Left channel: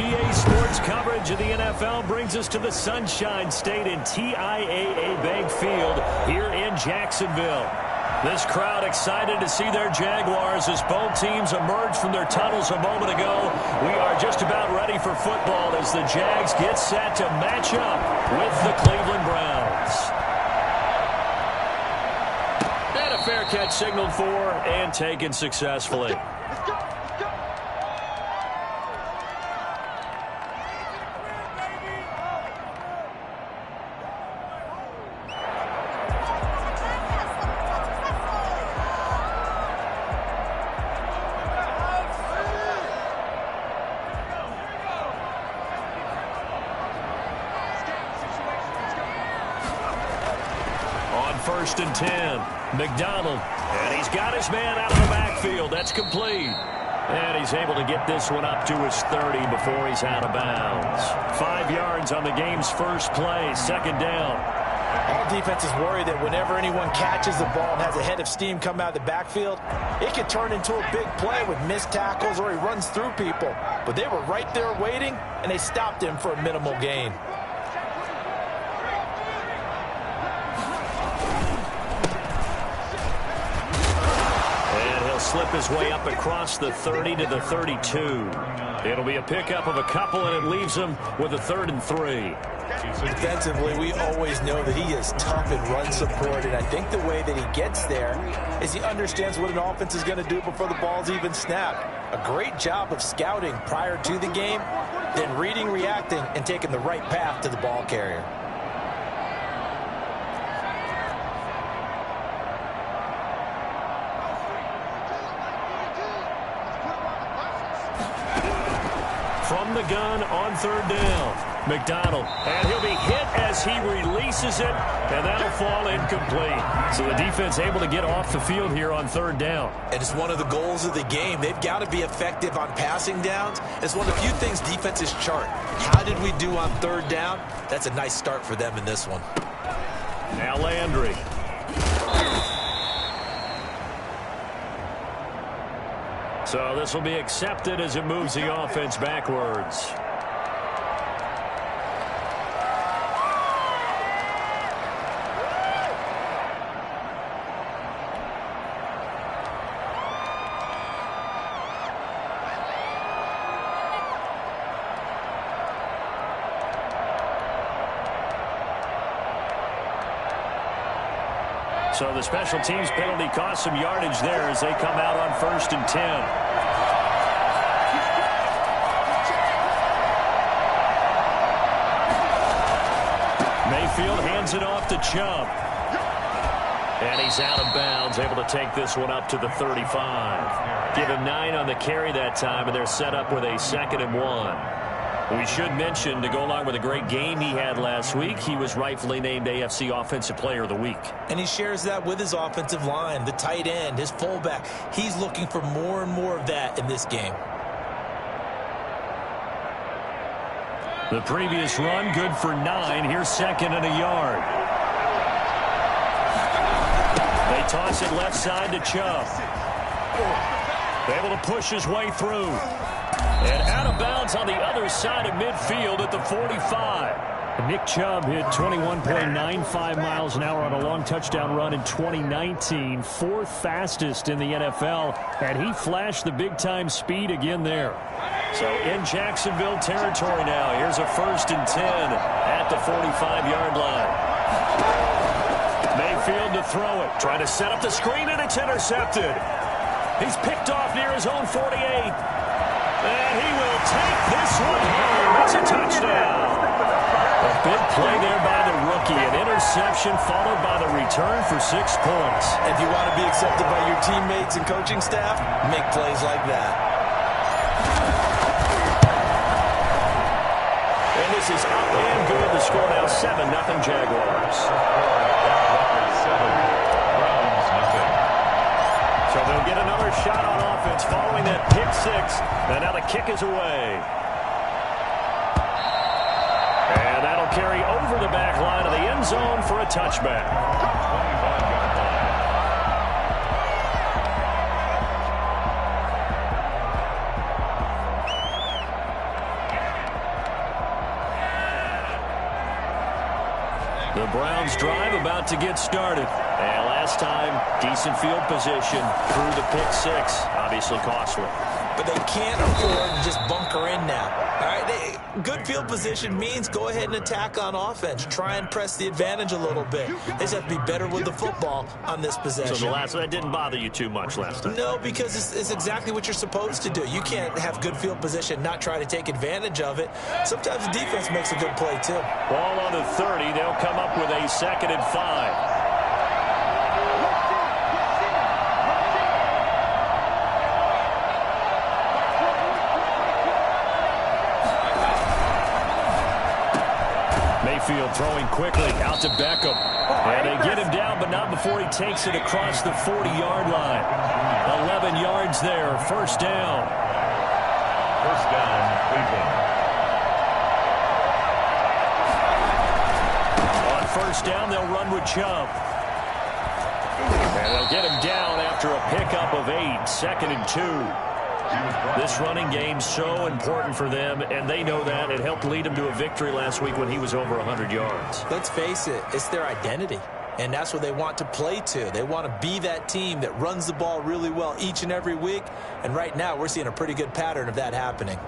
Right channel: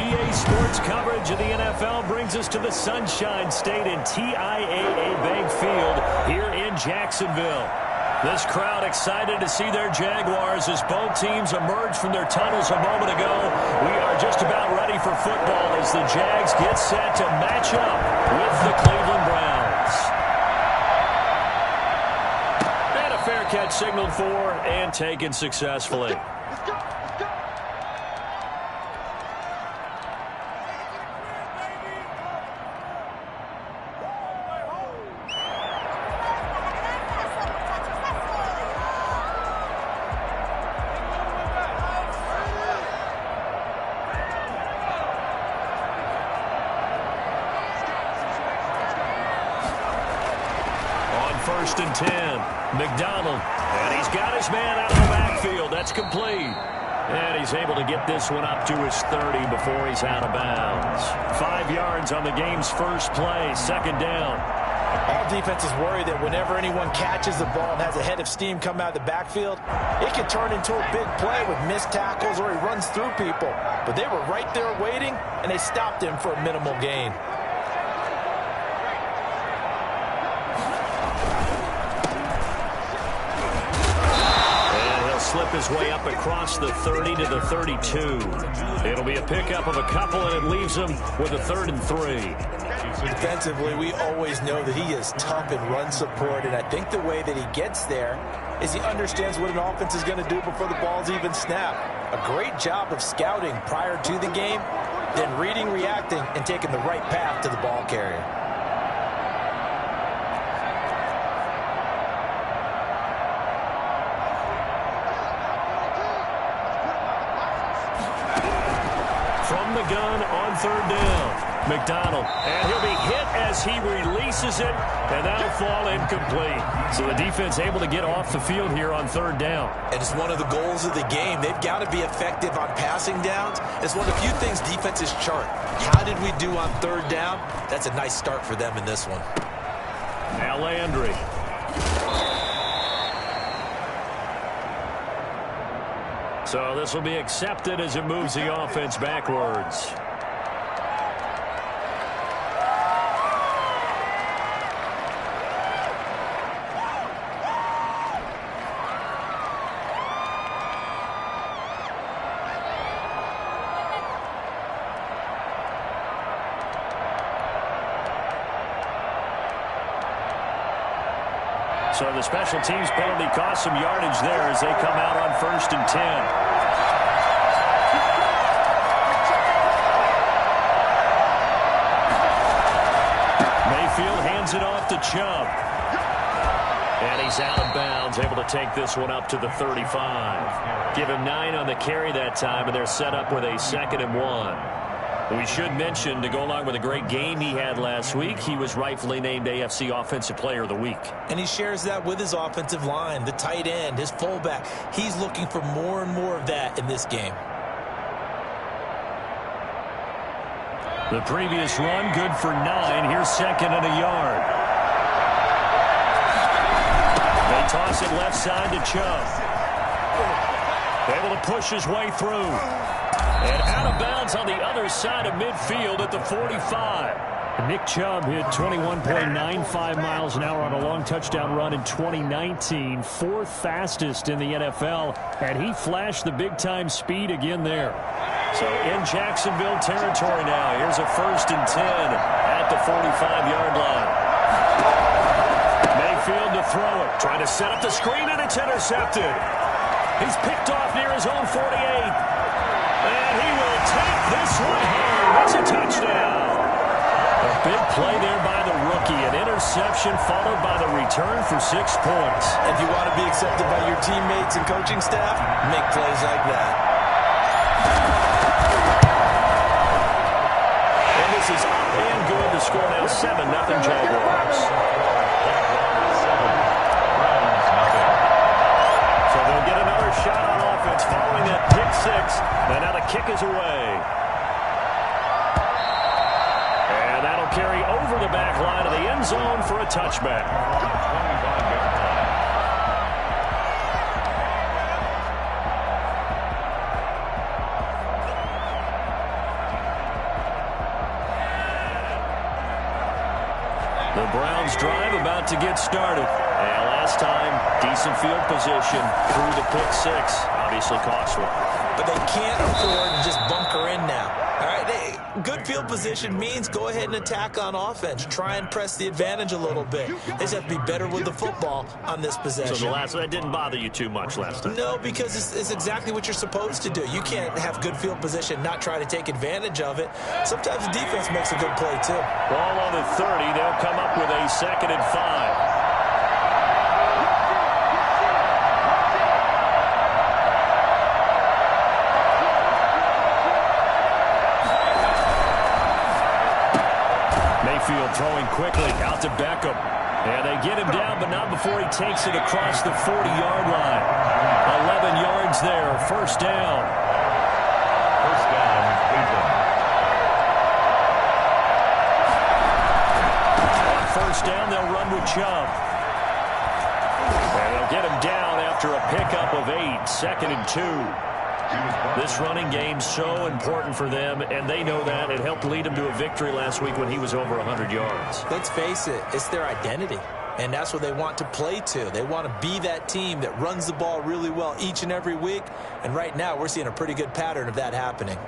EA Sports coverage of the NFL brings us to the Sunshine State in TIAA Bank Field here in Jacksonville. This crowd excited to see their Jaguars as both teams emerged from their tunnels a moment ago. We are just about ready for football as the Jags get set to match up with the Cleveland Browns. And a fair catch signaled for and taken successfully. First and 10. McDonald. And he's got his man out of the backfield. That's complete. And he's able to get this one up to his 30 before he's out of bounds. 5 yards on the game's first play. Second down. All defenses worry that whenever anyone catches the ball and has a head of steam come out of the backfield, it can turn into a big play with missed tackles or he runs through people. But they were right there waiting, and they stopped him for a minimal gain. Slip his way up across the 30 to the 32. It'll be a pickup of a couple, and it leaves him with a 3rd and 3. Defensively, we always know that he is tough in run support, and I think the way that he gets there is he understands what an offense is going to do before the ball's even snapped. A great job of scouting prior to the game, then reading, reacting, and taking the right path to the ball carrier. From the gun on 3rd down. McDonald. And he'll be hit as he releases it, and that'll fall incomplete. So the defense able to get off the field here on 3rd down. And it's one of the goals of the game. They've got to be effective on passing downs. It's one of the few things defenses chart. How did we do on 3rd down? That's a nice start for them in this one. Now Landry. So this will be accepted as it moves the offense backwards. So the special teams penalty cost some yardage there as they come out on 1st and 10. Mayfield hands it off to Chubb. And he's out of bounds, able to take this one up to the 35. Give him 9 on the carry that time, and they're set up with a 2nd and 1. We should mention, to go along with a great game he had last week, he was rightfully named AFC Offensive Player of the Week. And he shares that with his offensive line, the tight end, his fullback. He's looking for more and more of that in this game. The previous run, good for 9. Here's 2nd and a yard. They toss it left side to Chubb. Able to push his way through. And out of bounds on the other side of midfield at the 45. Nick Chubb hit 21.95 miles an hour on a long touchdown run in 2019. 4th fastest in the NFL. And he flashed the big-time speed again there. So in Jacksonville territory now. Here's a 1st and 10 at the 45-yard line. Mayfield to throw it. Trying to set up the screen, and it's intercepted. He's picked off near his own 48. And he will take this one home. It's a touchdown. A big play there by the rookie. An interception followed by the return for 6 points. If you want to be accepted by your teammates and coaching staff, make plays like that. And this is up and good. The score now 7-0 Jaguars. So they'll get another shot on offense following that pick 6. And now the kick is away. And that'll carry over the back line of the end zone for a touchback. 25-yard line. The Browns drive about to get started. And last time, decent field position through the pick six. Obviously costly. But they can't afford to just bunker in now. All right, good field position means go ahead and attack on offense. Try and press the advantage a little bit. They just have to be better with the football on this possession. So that didn't bother you too much last time? No, because it's exactly what you're supposed to do. You can't have good field position, not try to take advantage of it. Sometimes the defense makes a good play, too. Ball on the 30. They'll come up with a 2nd and 5. Mayfield throwing quickly out to Beckham. And they get him down, but not before he takes it across the 40-yard line. 11 yards there, first down. First down, Cleveland. On first down, they'll run with Chubb. And they'll get him down after a pickup of 8, 2nd and 2. This running game's so important for them, and they know that. It helped lead them to a victory last week when he was over 100 yards. Let's face it, it's their identity, and that's what they want to play to. They want to be that team that runs the ball really well each and every week, and right now we're seeing a pretty good pattern of that happening.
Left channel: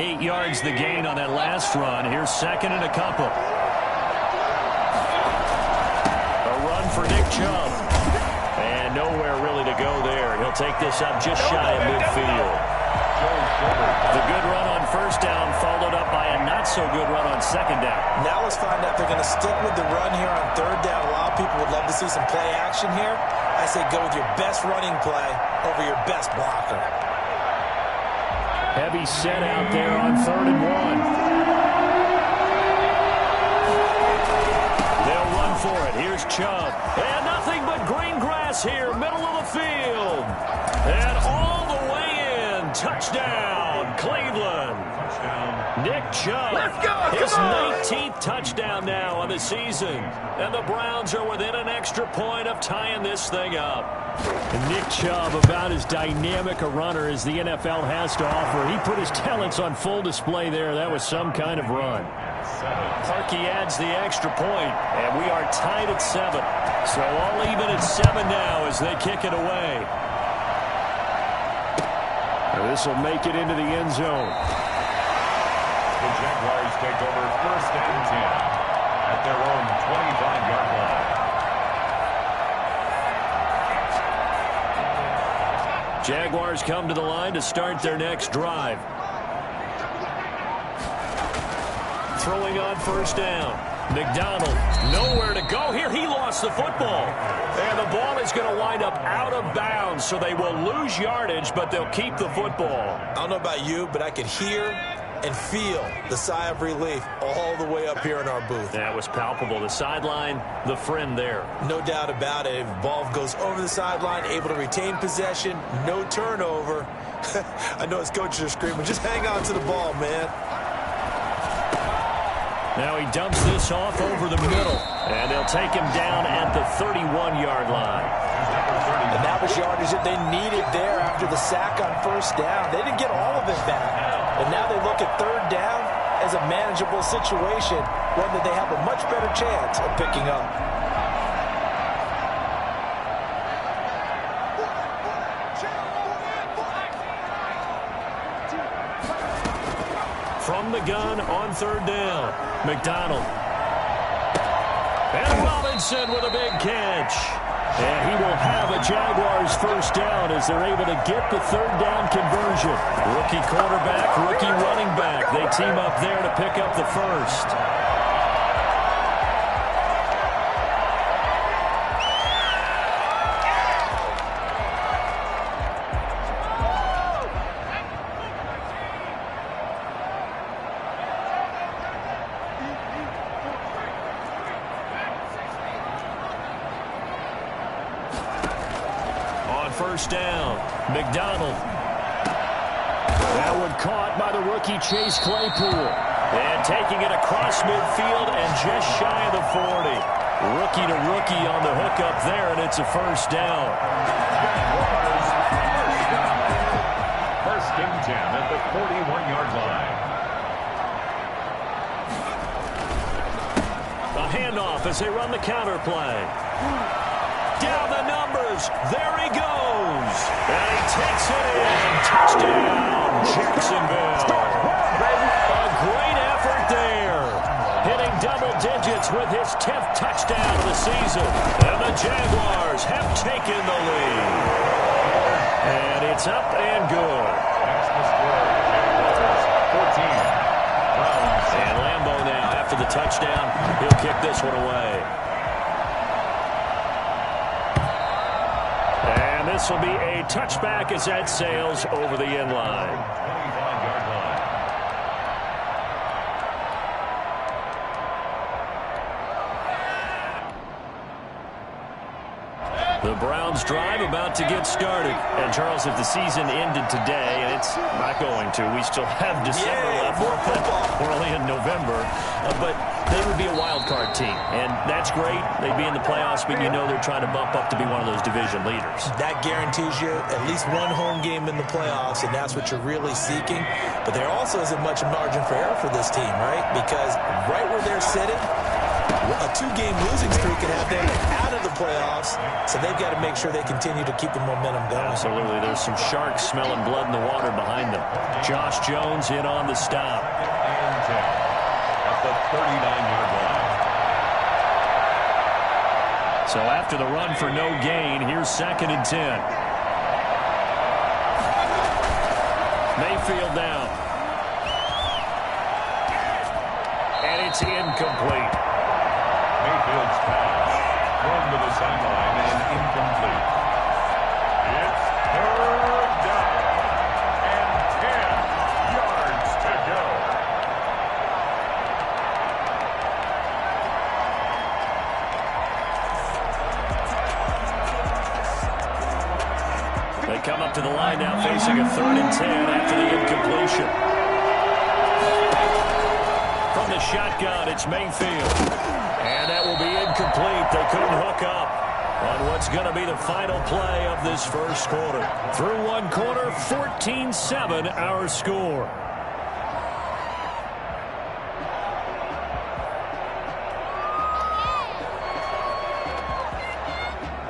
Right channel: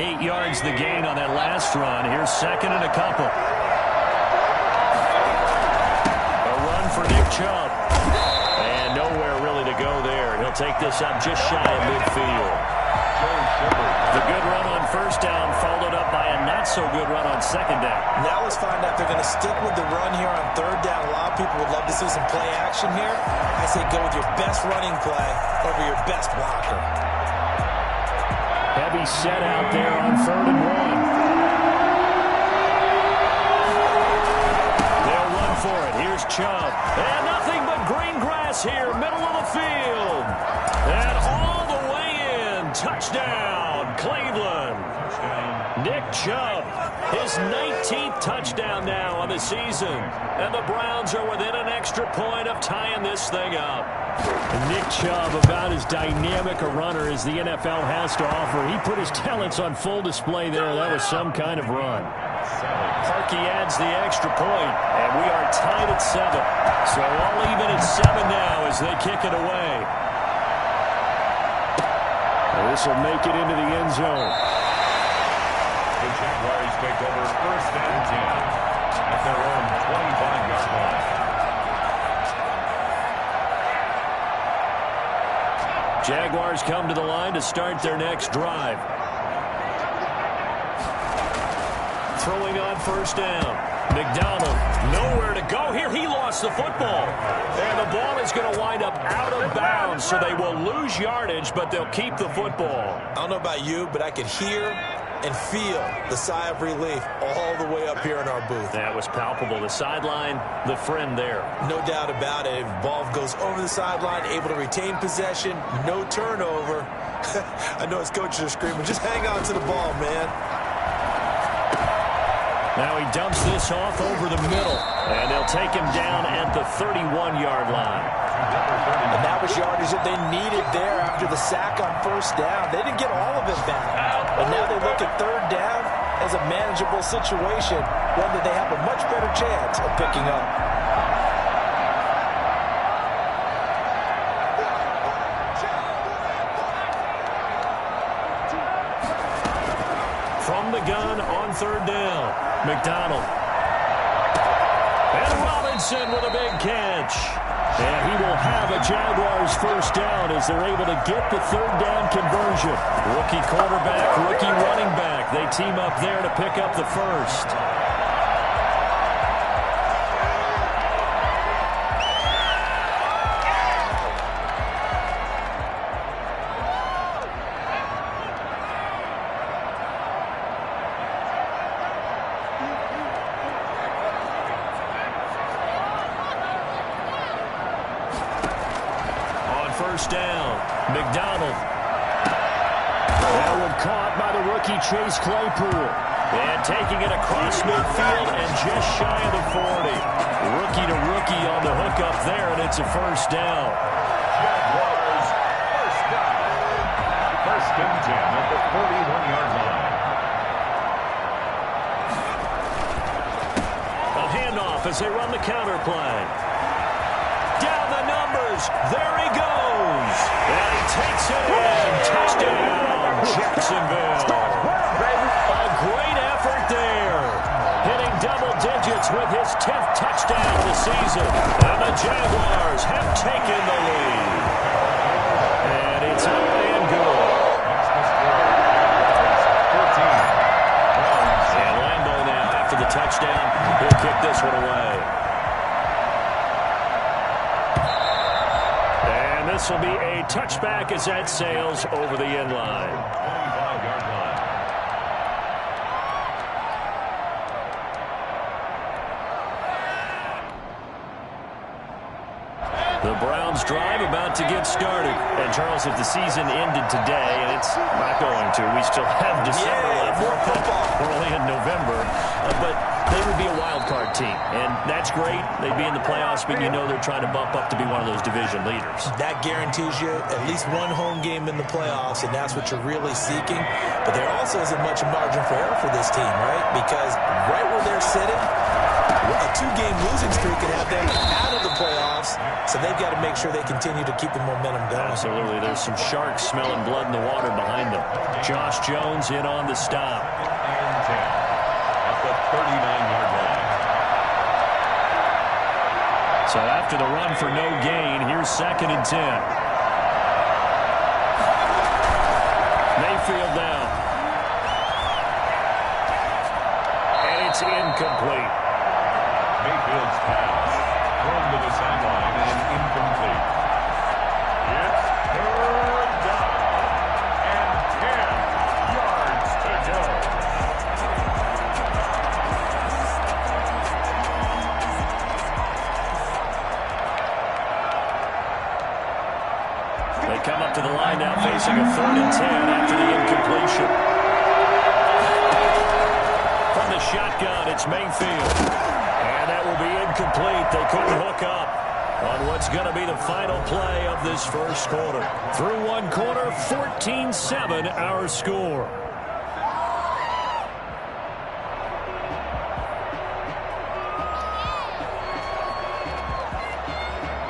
Eight yards the gain on that last run. Here's 2nd and a couple. A run for Nick Chubb. And nowhere really to go there. He'll take this up just shy of midfield. The good run on first down followed up by a not-so-good run on second down. Now let's find out if they're going to stick with the run here on third down. A lot of people would love to see some play action here. I say go with your best running play over your best blocker. Heavy set out there on 3rd and 1. They'll run for it. Here's Chubb. And nothing but green grass here, middle of the field. And all the way in. Touchdown, Cleveland. Nick Chubb, his 19th touchdown now on the season. And the Browns are within an extra point of tying this thing up. And Nick Chubb, about as dynamic a runner as the NFL has to offer. He put his talents on full display there. That was some kind of run. Parkey adds the extra point, and we are tied at 7. So all even at 7 now as they kick it away. This will make it into the end zone. The Jaguars take over 1st and 10 at their own 25-yard line. Jaguars come to the line to start their next drive. Throwing on first down. McDonald, nowhere to go here. He lost the football. And the ball is going to wind up out of bounds, so they will lose yardage, but they'll keep the football. I don't know about you, but I could hear and feel the sigh of relief all the way up here in our booth. That was palpable. The sideline, the friend there. No doubt about it. If the ball goes over the sideline, able to retain possession, no turnover. I know his coaches are screaming, just hang on to the ball, man. Now he dumps this off over the middle, and they'll take him down at the 31-yard line. And that was yardage that they needed there after the sack on first down. They didn't get all of it back. But now they look at third down as a manageable situation, one that they have a much better chance of picking up. From the gun on third down, McDonald. And Robinson with a big catch. And he will have a Jaguars first down as they're able to get the third down conversion. Rookie quarterback, rookie running back. They team up there to pick up the first. First down, McDonald. That one caught by the rookie Chase Claypool. And taking it across midfield and just shy of the 40. Rookie to rookie on the hook up there, and it's a first down. Jaguars first down. First and 10 at the 41-yard line. A handoff as they run the counter play. Down the numbers. There he goes. And he takes it in. Touchdown, Jacksonville. A great effort there. Hitting double digits with his 10th touchdown of the season. And the Jaguars have taken the lead. And it's up and good. Next the score, Jaguars 14. Browns. And Lambeau now, after the touchdown, he'll kick this one away. And this will be a touchback as that sails over the end line. 25-yard line. The Browns drive about to get started. And, Charles, if the season ended today, and it's not going to, we still have December left. More football. We're only in November. But they would be a wild card team. And that's great. They'd be in the playoffs, but you know they're trying to bump up to be one of those division leaders. That guarantees you at least one home game in the playoffs, and that's what you're really seeking. But there also isn't much margin for error for this team, right? Because right where they're sitting, a 2-game losing streak can have them out of the playoffs, so they've got to make sure they continue to keep the momentum going. Absolutely. There's some sharks smelling blood in the water behind them. Josh Jones in on the stop. And 10 at the 39-yard line. So after the run for no gain, here's 2nd and 10. Mayfield now. And it's incomplete. Mayfield's pass thrown to the sideline and incomplete. It's 3rd down and 10 yards to go. They come up to the line now facing a 3rd and 10 after the incompletion. From the shotgun, it's Mayfield. And that will be incomplete. They couldn't hook up on what's going to be the final play of this first quarter. Through one quarter, 14-7 our score.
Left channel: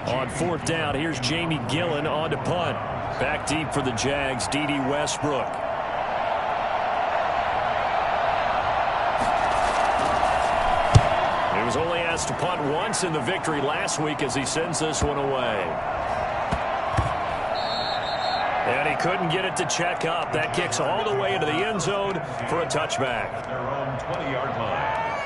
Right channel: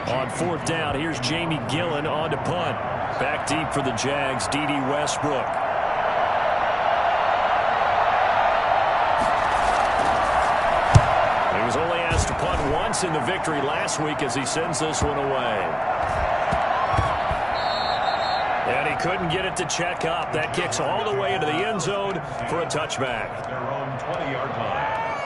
On 4th down, here's Jamie Gillen on to punt. Back deep for the Jags, D.D. Westbrook. He was only asked to punt once in the victory last week as he sends this one away. And he couldn't get it to check up. That kicks all the way into the end zone for a touchback. At their own 20-yard line.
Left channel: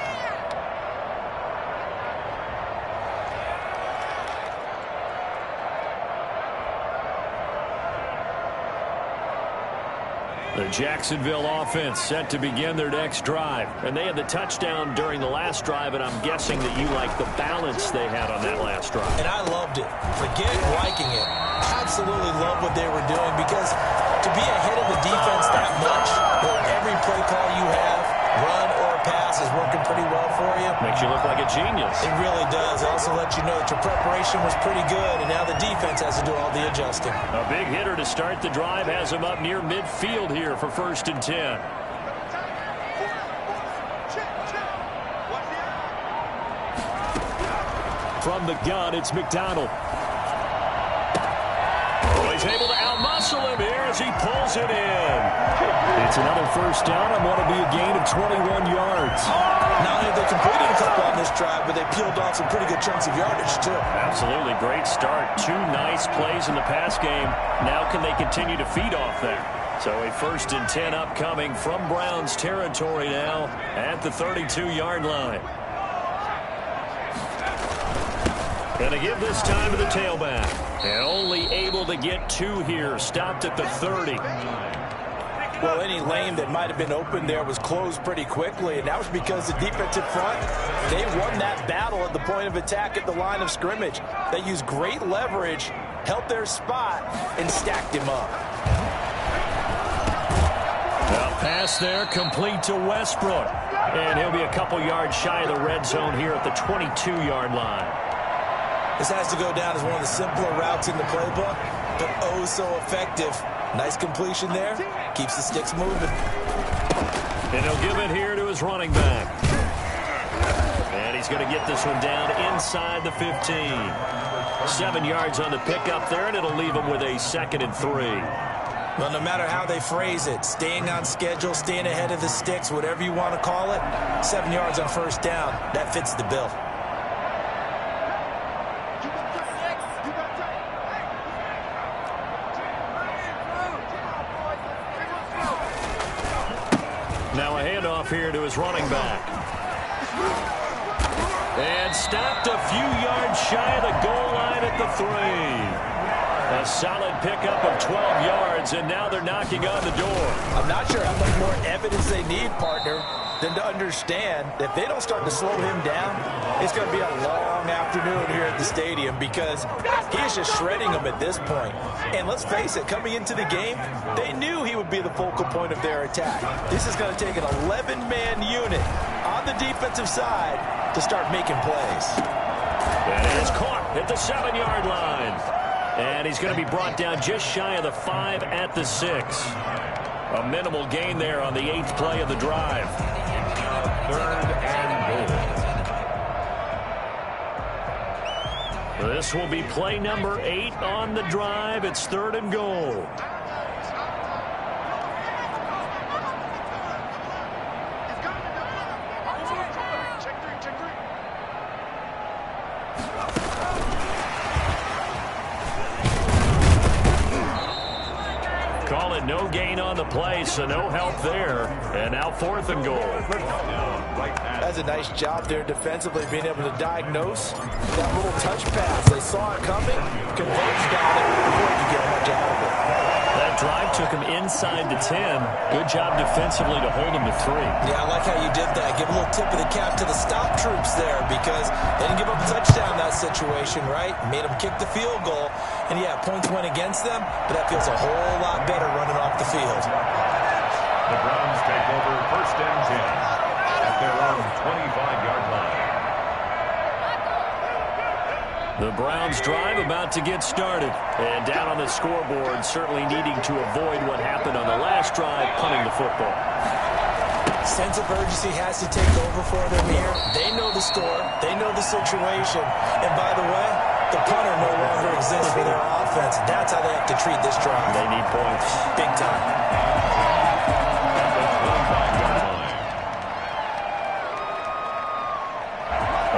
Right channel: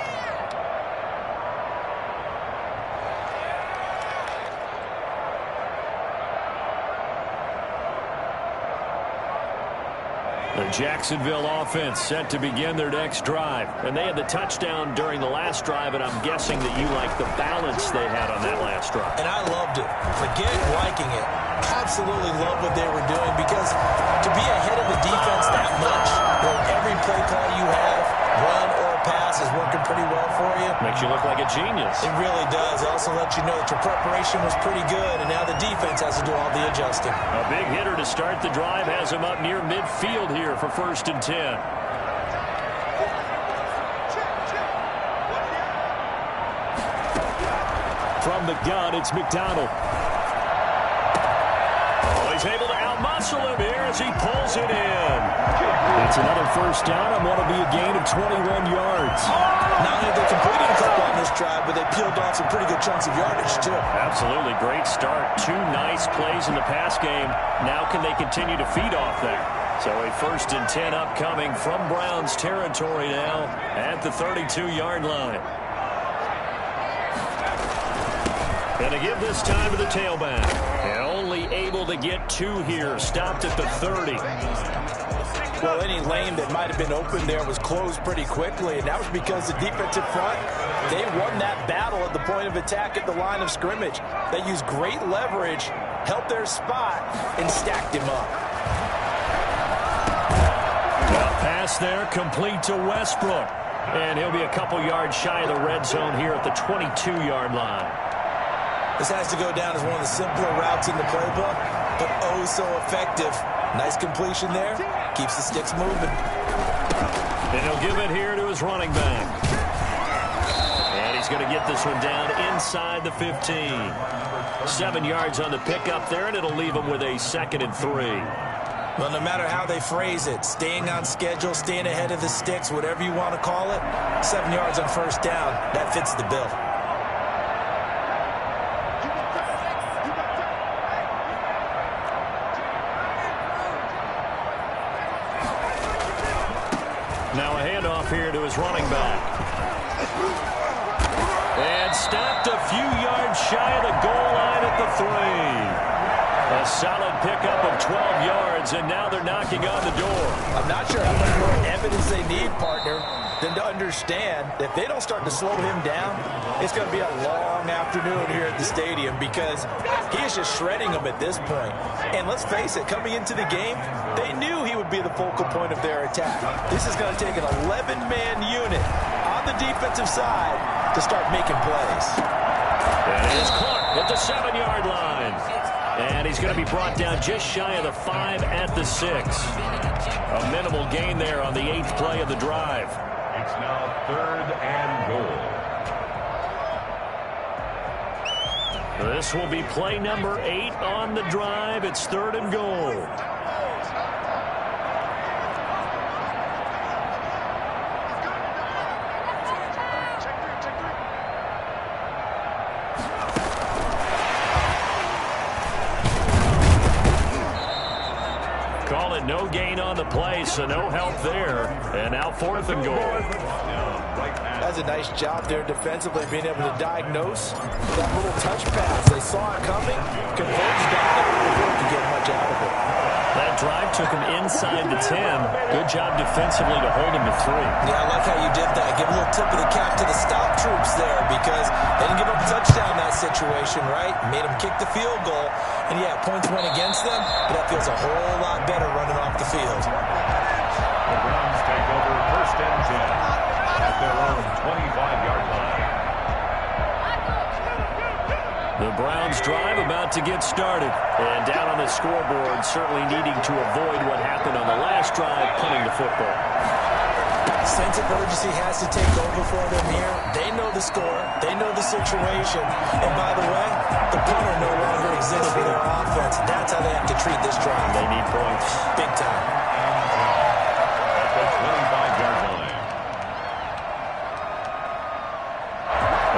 The Jacksonville offense set to begin their next drive. And they had the touchdown during the last drive, and I'm guessing that you like the balance they had on that last drive. And I loved it. Forget liking it. Absolutely love what they were doing, because to be ahead of the defense that much, where every play call you have, run or pass, is working pretty well for you. Makes you look like a genius. It really does. It also lets you know that your preparation was pretty good, and now the defense has to do all the adjusting. A big hitter to start the drive has him up near midfield here for 1st and 10. From the gun, it's McDonald. Oh, he's able to outmuscle him here as he pulls it in. It's another first down on what will be a gain of 21 yards. Not only have they completed a couple on this drive, but they peeled off some pretty good chunks of yardage, too. Absolutely. Great start. 2 nice plays in the pass game. Now can they continue to feed off that? So a 1st and 10 upcoming from Browns territory now at the 32-yard line. Going to give this time to the tailback. And only able to get 2 here. Stopped at the 30. Well, any lane that might have been open there was closed pretty quickly, and that was because the defensive front, they won that battle at the point of attack at the line of scrimmage. They used great leverage, held their spot, and stacked him up. The pass there complete to Westbrook. And he'll be a couple yards shy of the red zone here at the 22-yard line. This has to go down as one of the simpler routes in the playbook, but oh so effective. Nice completion there. Keeps the sticks moving. And he'll give it here to his running back. And he's going to get this one down inside the 15. 7 yards on the pickup there, and it'll leave him with a 2nd and 3. Well, no matter how they phrase it, staying on schedule, staying ahead of the sticks, whatever you want to call it, 7 yards on first down, that fits the bill. Now a handoff here to his running back. And stopped a few yards shy of the goal line at the 3. A solid pickup of 12 yards, and now they're knocking on the door. I'm not sure how much more evidence they need, partner, than to understand that if they don't start to slow him down, it's going to be a long afternoon here at the stadium because he is just shredding them at this point. And let's face it, coming into the game, they knew he would be the focal point of their attack. This is going to take an 11-man unit on the defensive side to start making plays. And it is caught at the 7-yard line. And he's going to be brought down just shy of the 5 at the 6. A minimal gain there on the 8th play of the drive. It's now 3rd and goal. This will be play number 8 on the drive. It's 3rd and goal. Call it no gain on the play, so no help there. And now 4th and goal. That's a nice job there defensively, being able to diagnose that little touch pass. They saw it coming, converged on it before he could get much out of it. That drive took him inside the 10. Good job defensively to hold him to 3. Yeah, I like how you did that. Give a little tip of the cap to the stop troops there because they didn't give up a touchdown in that situation, right? Made them kick the field goal. And, yeah, points went against them, but that feels a whole lot better running off the field. The Browns take over 1st and 10 at their own 25-yard line. The Browns drive about to get started. And down on the scoreboard, certainly needing to avoid what happened on the last drive, punting the football. Sense of urgency has to take over for them here. They know the score. They know the situation. And by the way, the punter no longer exists for their offense. That's how they have to treat this drive. They need points. Big time. At the 25-yard line.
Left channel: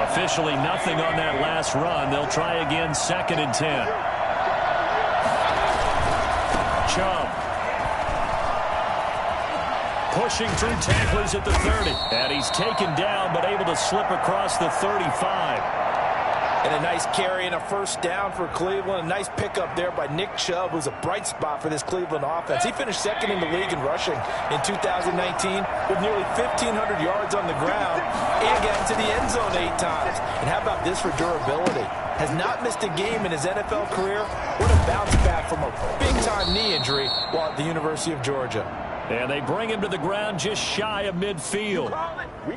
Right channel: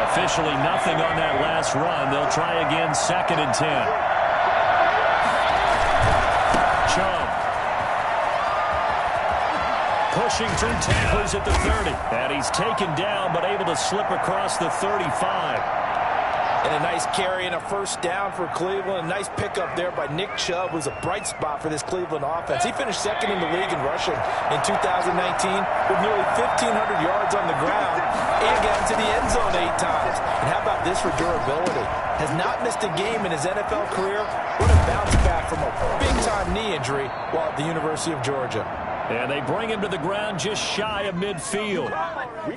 Officially nothing on that last run. They'll try again, 2nd and 10. Chubb. Pushing through tacklers at the 30. And he's taken down, but able to slip across the 35. And a nice carry and a 1st down for Cleveland. A nice pickup there by Nick Chubb, who's a bright spot for this Cleveland offense. He finished 2nd in the league in rushing in 2019 with nearly 1,500 yards on the ground and got into the end zone 8 times. And how about this for durability? Has not missed a game in his NFL career. What a bounce back from a big-time knee injury while at the University of Georgia. And they bring him to the ground just shy of midfield.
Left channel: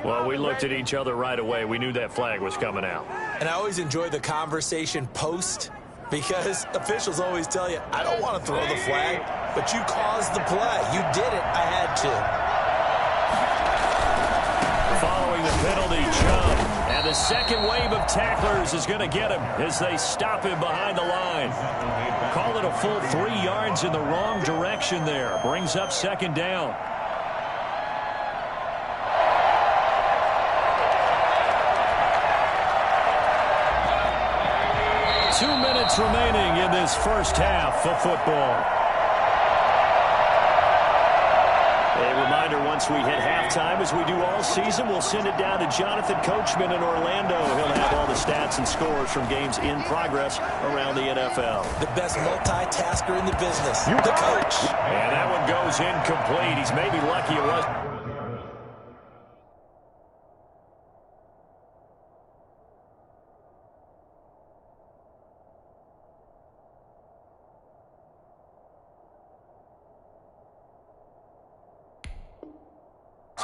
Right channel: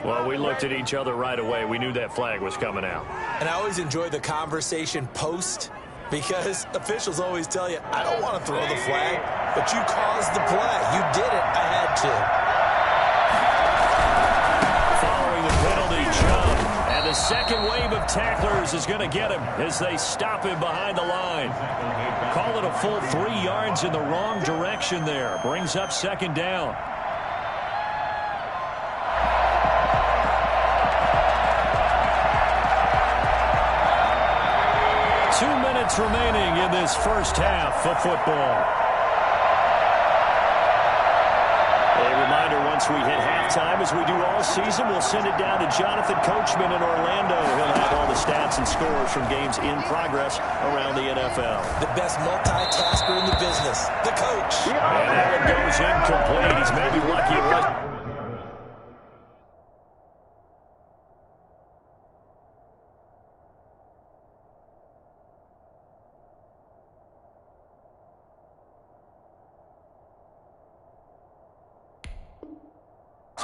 Well, we looked at each other right away. We knew that flag was coming out. And I always enjoy the conversation post because officials always tell you, I don't want to throw the flag, but you caused the play. You did it. I had to. Following the penalty, Chubb. And the second wave of tacklers is going to get him as they stop him behind the line. Call it a full 3 yards in the wrong direction there. Brings up 2nd down. Two minutes remaining in this first half of football. A reminder, once we hit halftime, as we do all season, we'll send it down to Jonathan Coachman in Orlando. He'll have all the stats and scores from games in progress around the NFL. The best multitasker in the business, the coach. And that one goes incomplete. He's maybe lucky it was.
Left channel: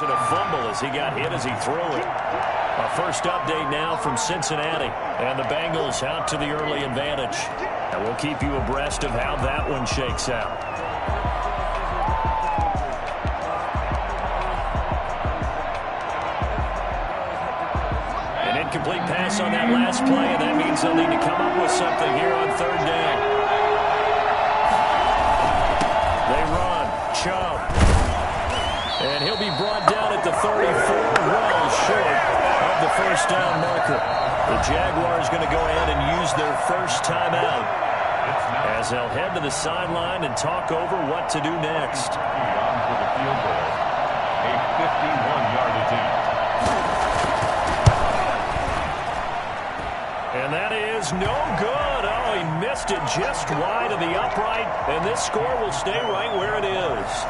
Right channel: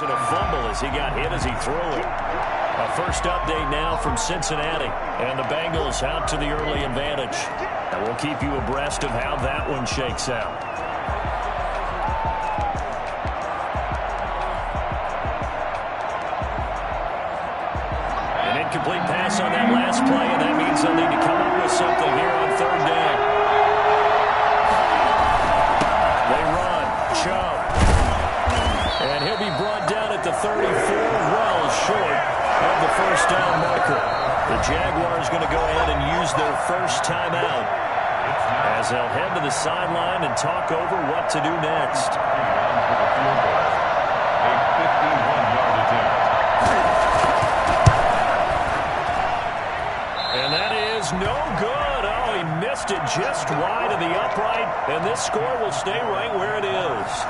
And a fumble as he got hit as he threw it. A first update now from Cincinnati. And the Bengals out to the early advantage. And we'll keep you abreast of how that one shakes out. An incomplete pass on that last play, and that means they'll need to come up with something here on third down. They run. Chubb. And he'll be brought down at the 34, well short of the first down marker. The Jaguars going to go ahead and use their first timeout as they'll head to the sideline and talk over what to do next. On for the field goal. A 51-yard attempt. And that is no good. Oh, he missed it just wide of the upright, and this score will stay right where it is.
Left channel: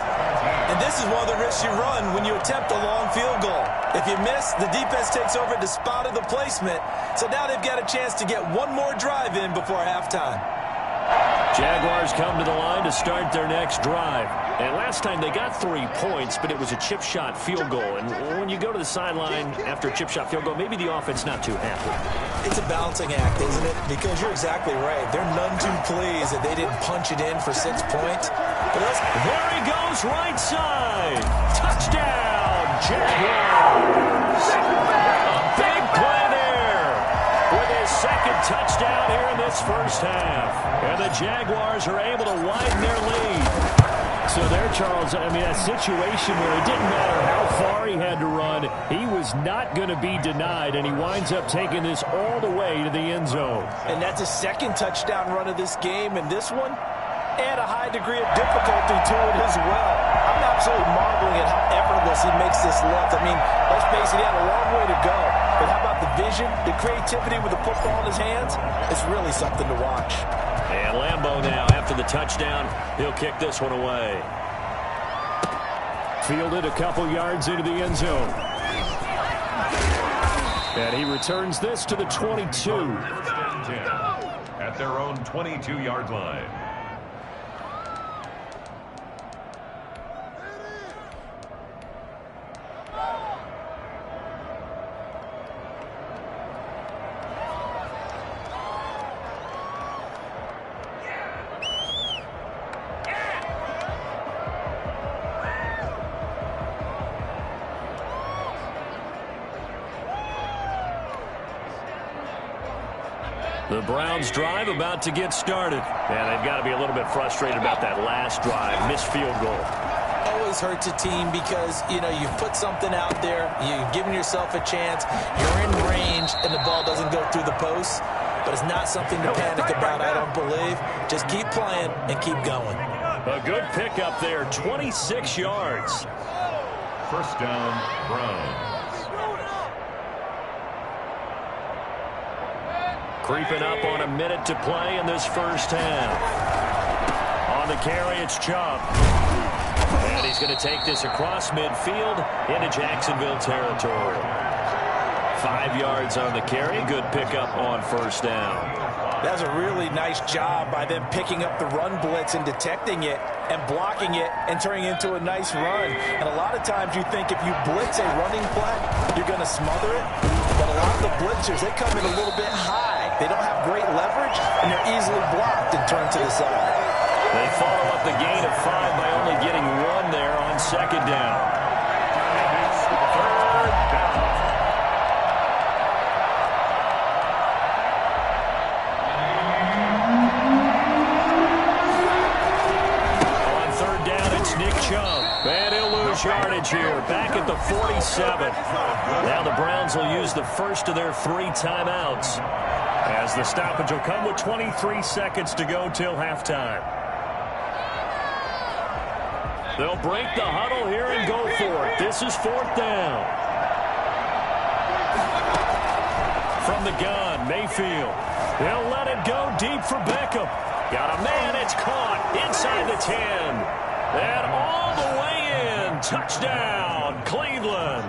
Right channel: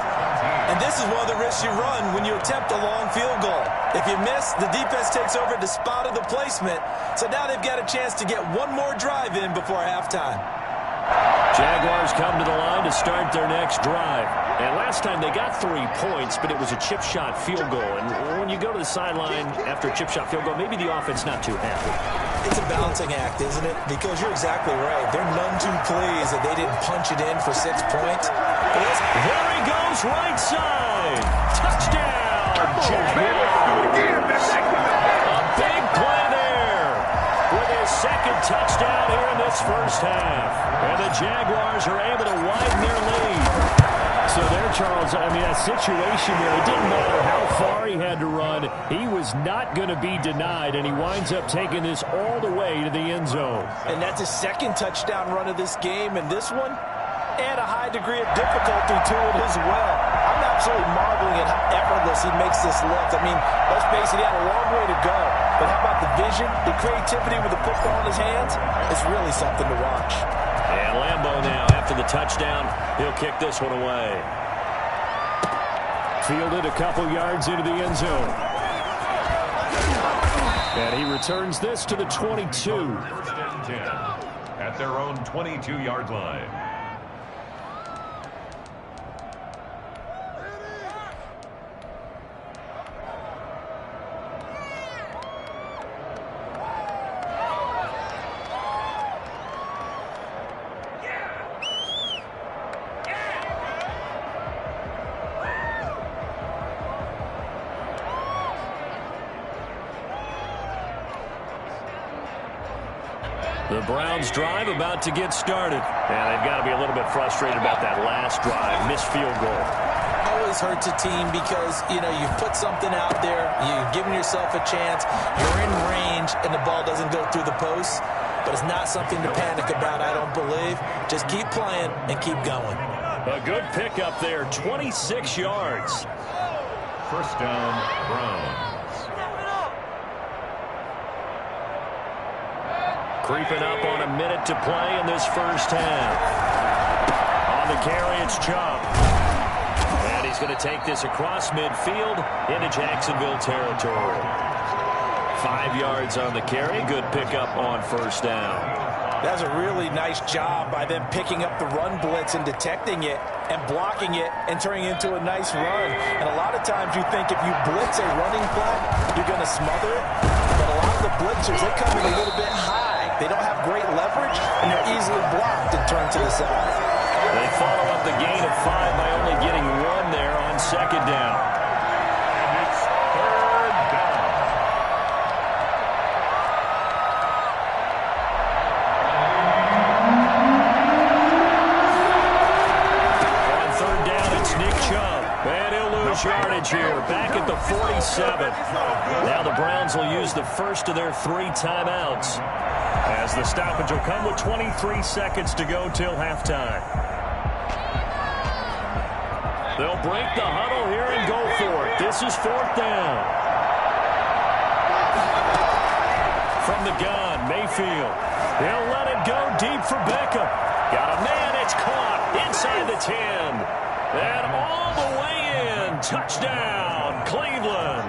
And this is one of the risks you run when you attempt a long field goal. If you miss, the defense takes over at the spot of the placement. So now they've got a chance to get one more drive in before halftime. Jaguars come to the line to start their next drive. And last time they got 3 points, but it was a chip shot field goal. And when you go to the sideline after a chip shot field goal, maybe the offense not too happy. It's a balancing act, isn't it? Because you're exactly right. They're none too pleased that they didn't punch it in for 6 points. There he goes, right side. Touchdown, Jaguars. A big play there with his second touchdown here in this first half. And the Jaguars are able to widen their lead. So there, Charles, I mean, a situation where it didn't matter how far he had to run, he was not going to be denied, and he winds up taking this all the way to the end zone. And that's his second touchdown run of this game, and this one, and a high degree of difficulty to it as well. I'm absolutely marveling at how effortless he makes this look. I mean, let's face it, he had a long way to go. But how about the vision, the creativity with the football in his hands? It's really something to watch. And Lambeau now, after the touchdown, he'll kick this one away. Fielded a couple yards into the end zone. And he returns this to the 22. First and 10 at their own 22-yard line. The Browns drive about to get started. And they've got to be a little bit frustrated about that last drive. Missed field goal. Always hurts a team because, you know, you've put something out there. You've given yourself a chance. You're in range, and the ball doesn't go through the posts. But it's not something to panic about, I don't believe. Just keep playing and keep going. A good pickup there, 26 yards. First down, Browns. Creeping up on a minute to play in this first half. On the carry, it's Chubb. And he's going to take this across midfield into Jacksonville territory. 5 yards on the carry. Good pickup on first down. That's a really nice job by them picking up the run blitz and detecting it and blocking it and turning it into a nice run. And a lot of times you think if you blitz a running play, you're going to smother it. But a lot of the blitzers, they come in a little bit high. They don't have great leverage, and they're easily blocked and turned to the side. They follow up the gain of 5 by only getting 1 there on second down. And it's third down. On third down, it's Nick Chubb. And he'll lose yardage here, back at the 47. Now the Browns will use the first of their 3 timeouts, as the stoppage will come with 23 seconds to go till halftime. They'll break the huddle here and go for it. This is 4th down. From the gun, Mayfield. He'll let it go deep for Beckham. Got a man, it's caught inside the 10. And all the way in. Touchdown, Cleveland.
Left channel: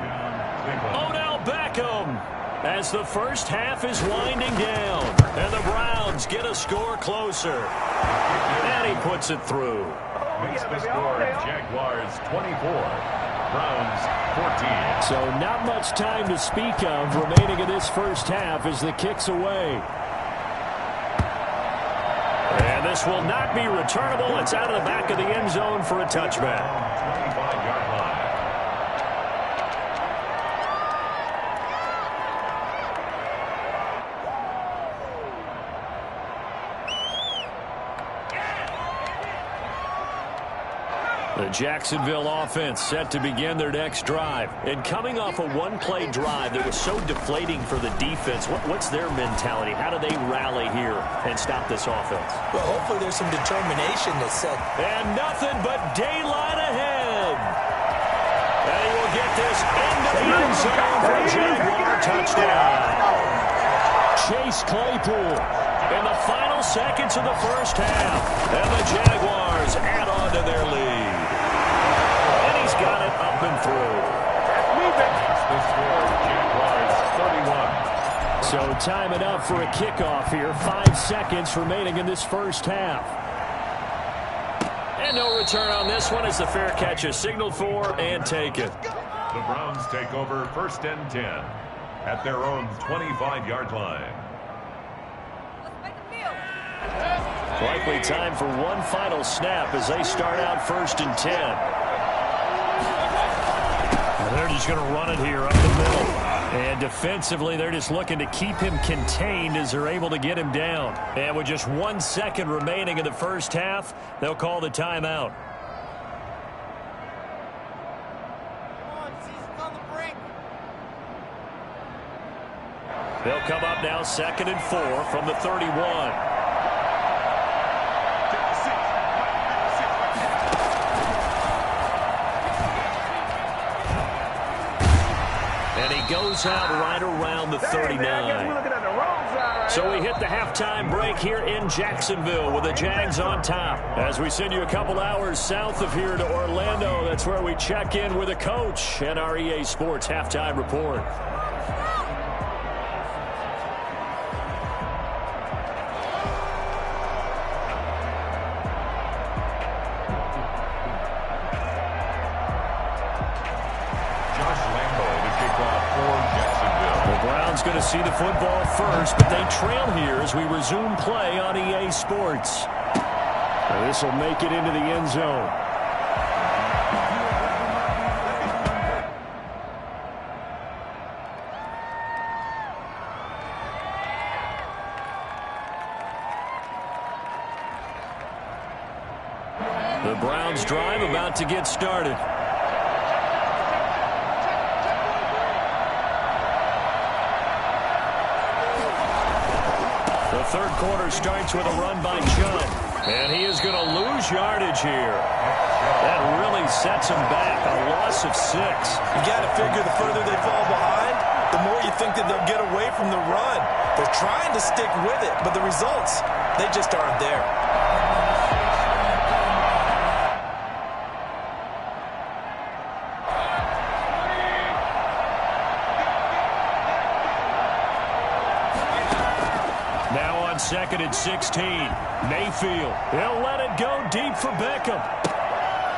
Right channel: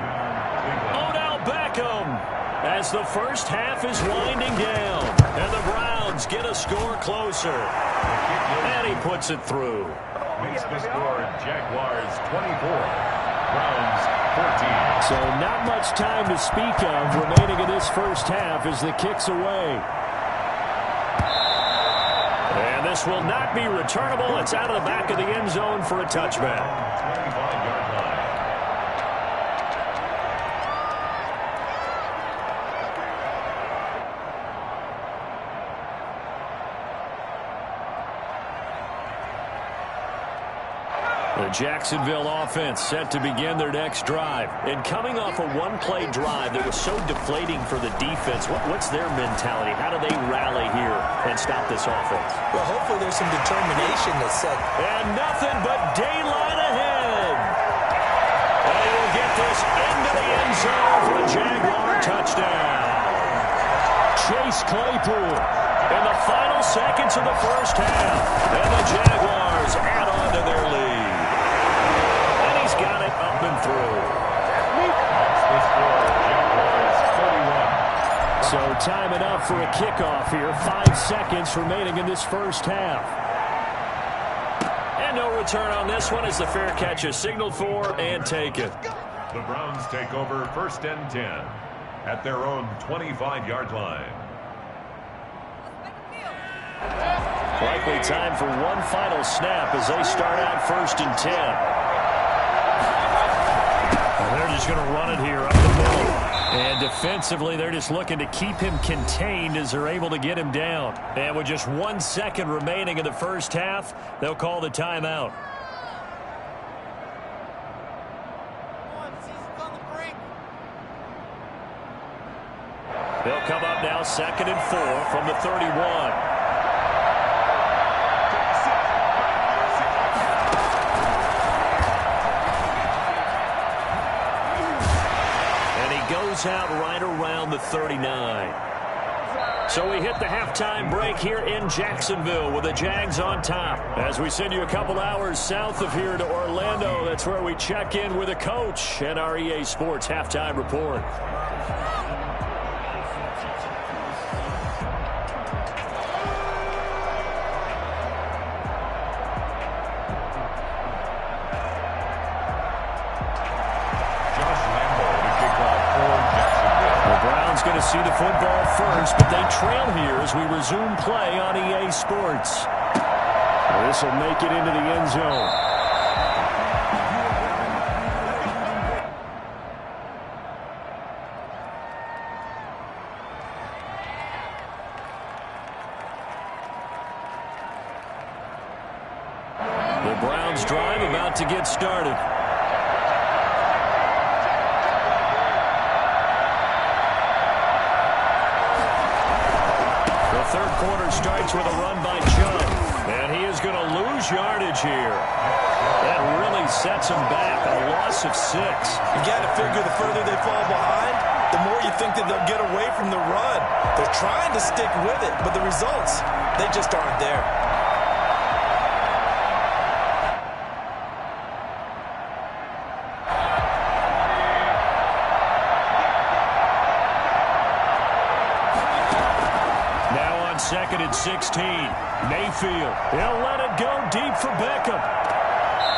Odell Beckham. As the first half is winding down, and the Browns get a score closer. And he puts it through. Makes the score Jaguars 24 Browns 14. So not much time to speak of remaining in this first half as the kick's away. And this will not be returnable. It's out of the back of the end zone for a touchback. 25-yard line. The Jacksonville offense set to begin their next drive. And coming off a one-play drive that was so deflating for the defense, what's their mentality? How do they rally here and stop this offense? Well, hopefully there's some determination that's set. And nothing but daylight ahead. And he will get this into the end zone for a Jaguar touchdown. Chase Claypool in the final seconds of the first half. And the Jaguars add on to their lead. And he's got it up and through. That's the score. Jaguars 31. So time enough for a kickoff here. 5 seconds remaining in this first half. And no return on this one as the fair catch is signaled for and taken. The Browns take over 1st and 10 at their own 25-yard line. Likely time for one final snap as they start out 1st and 10. And they're just going to run it here up the middle. And defensively, they're just looking to keep him contained as they're able to get him down. And with just 1 second remaining in the first half, they'll call the timeout. They'll come up now 2nd and 4 from the 31. And he goes out right around the 39. So we hit the halftime break here in Jacksonville with the Jags on top. As we send you a couple hours south of here to Orlando, that's where we check in with a coach and our EA Sports halftime report. Going to see the football first, but they trail here as we resume play on EA Sports. This will make it into the end zone. The Browns drive about to get started. The third quarter starts with a run by Chubb, and he is going to lose yardage here. That really sets him back, a loss of 6. You got to figure the further they fall behind, the more you think that they'll get away from the run. They're trying to stick with it, but the results, they just aren't there. Now on 2nd and 16, Mayfield. He'll let it go deep for Beckham.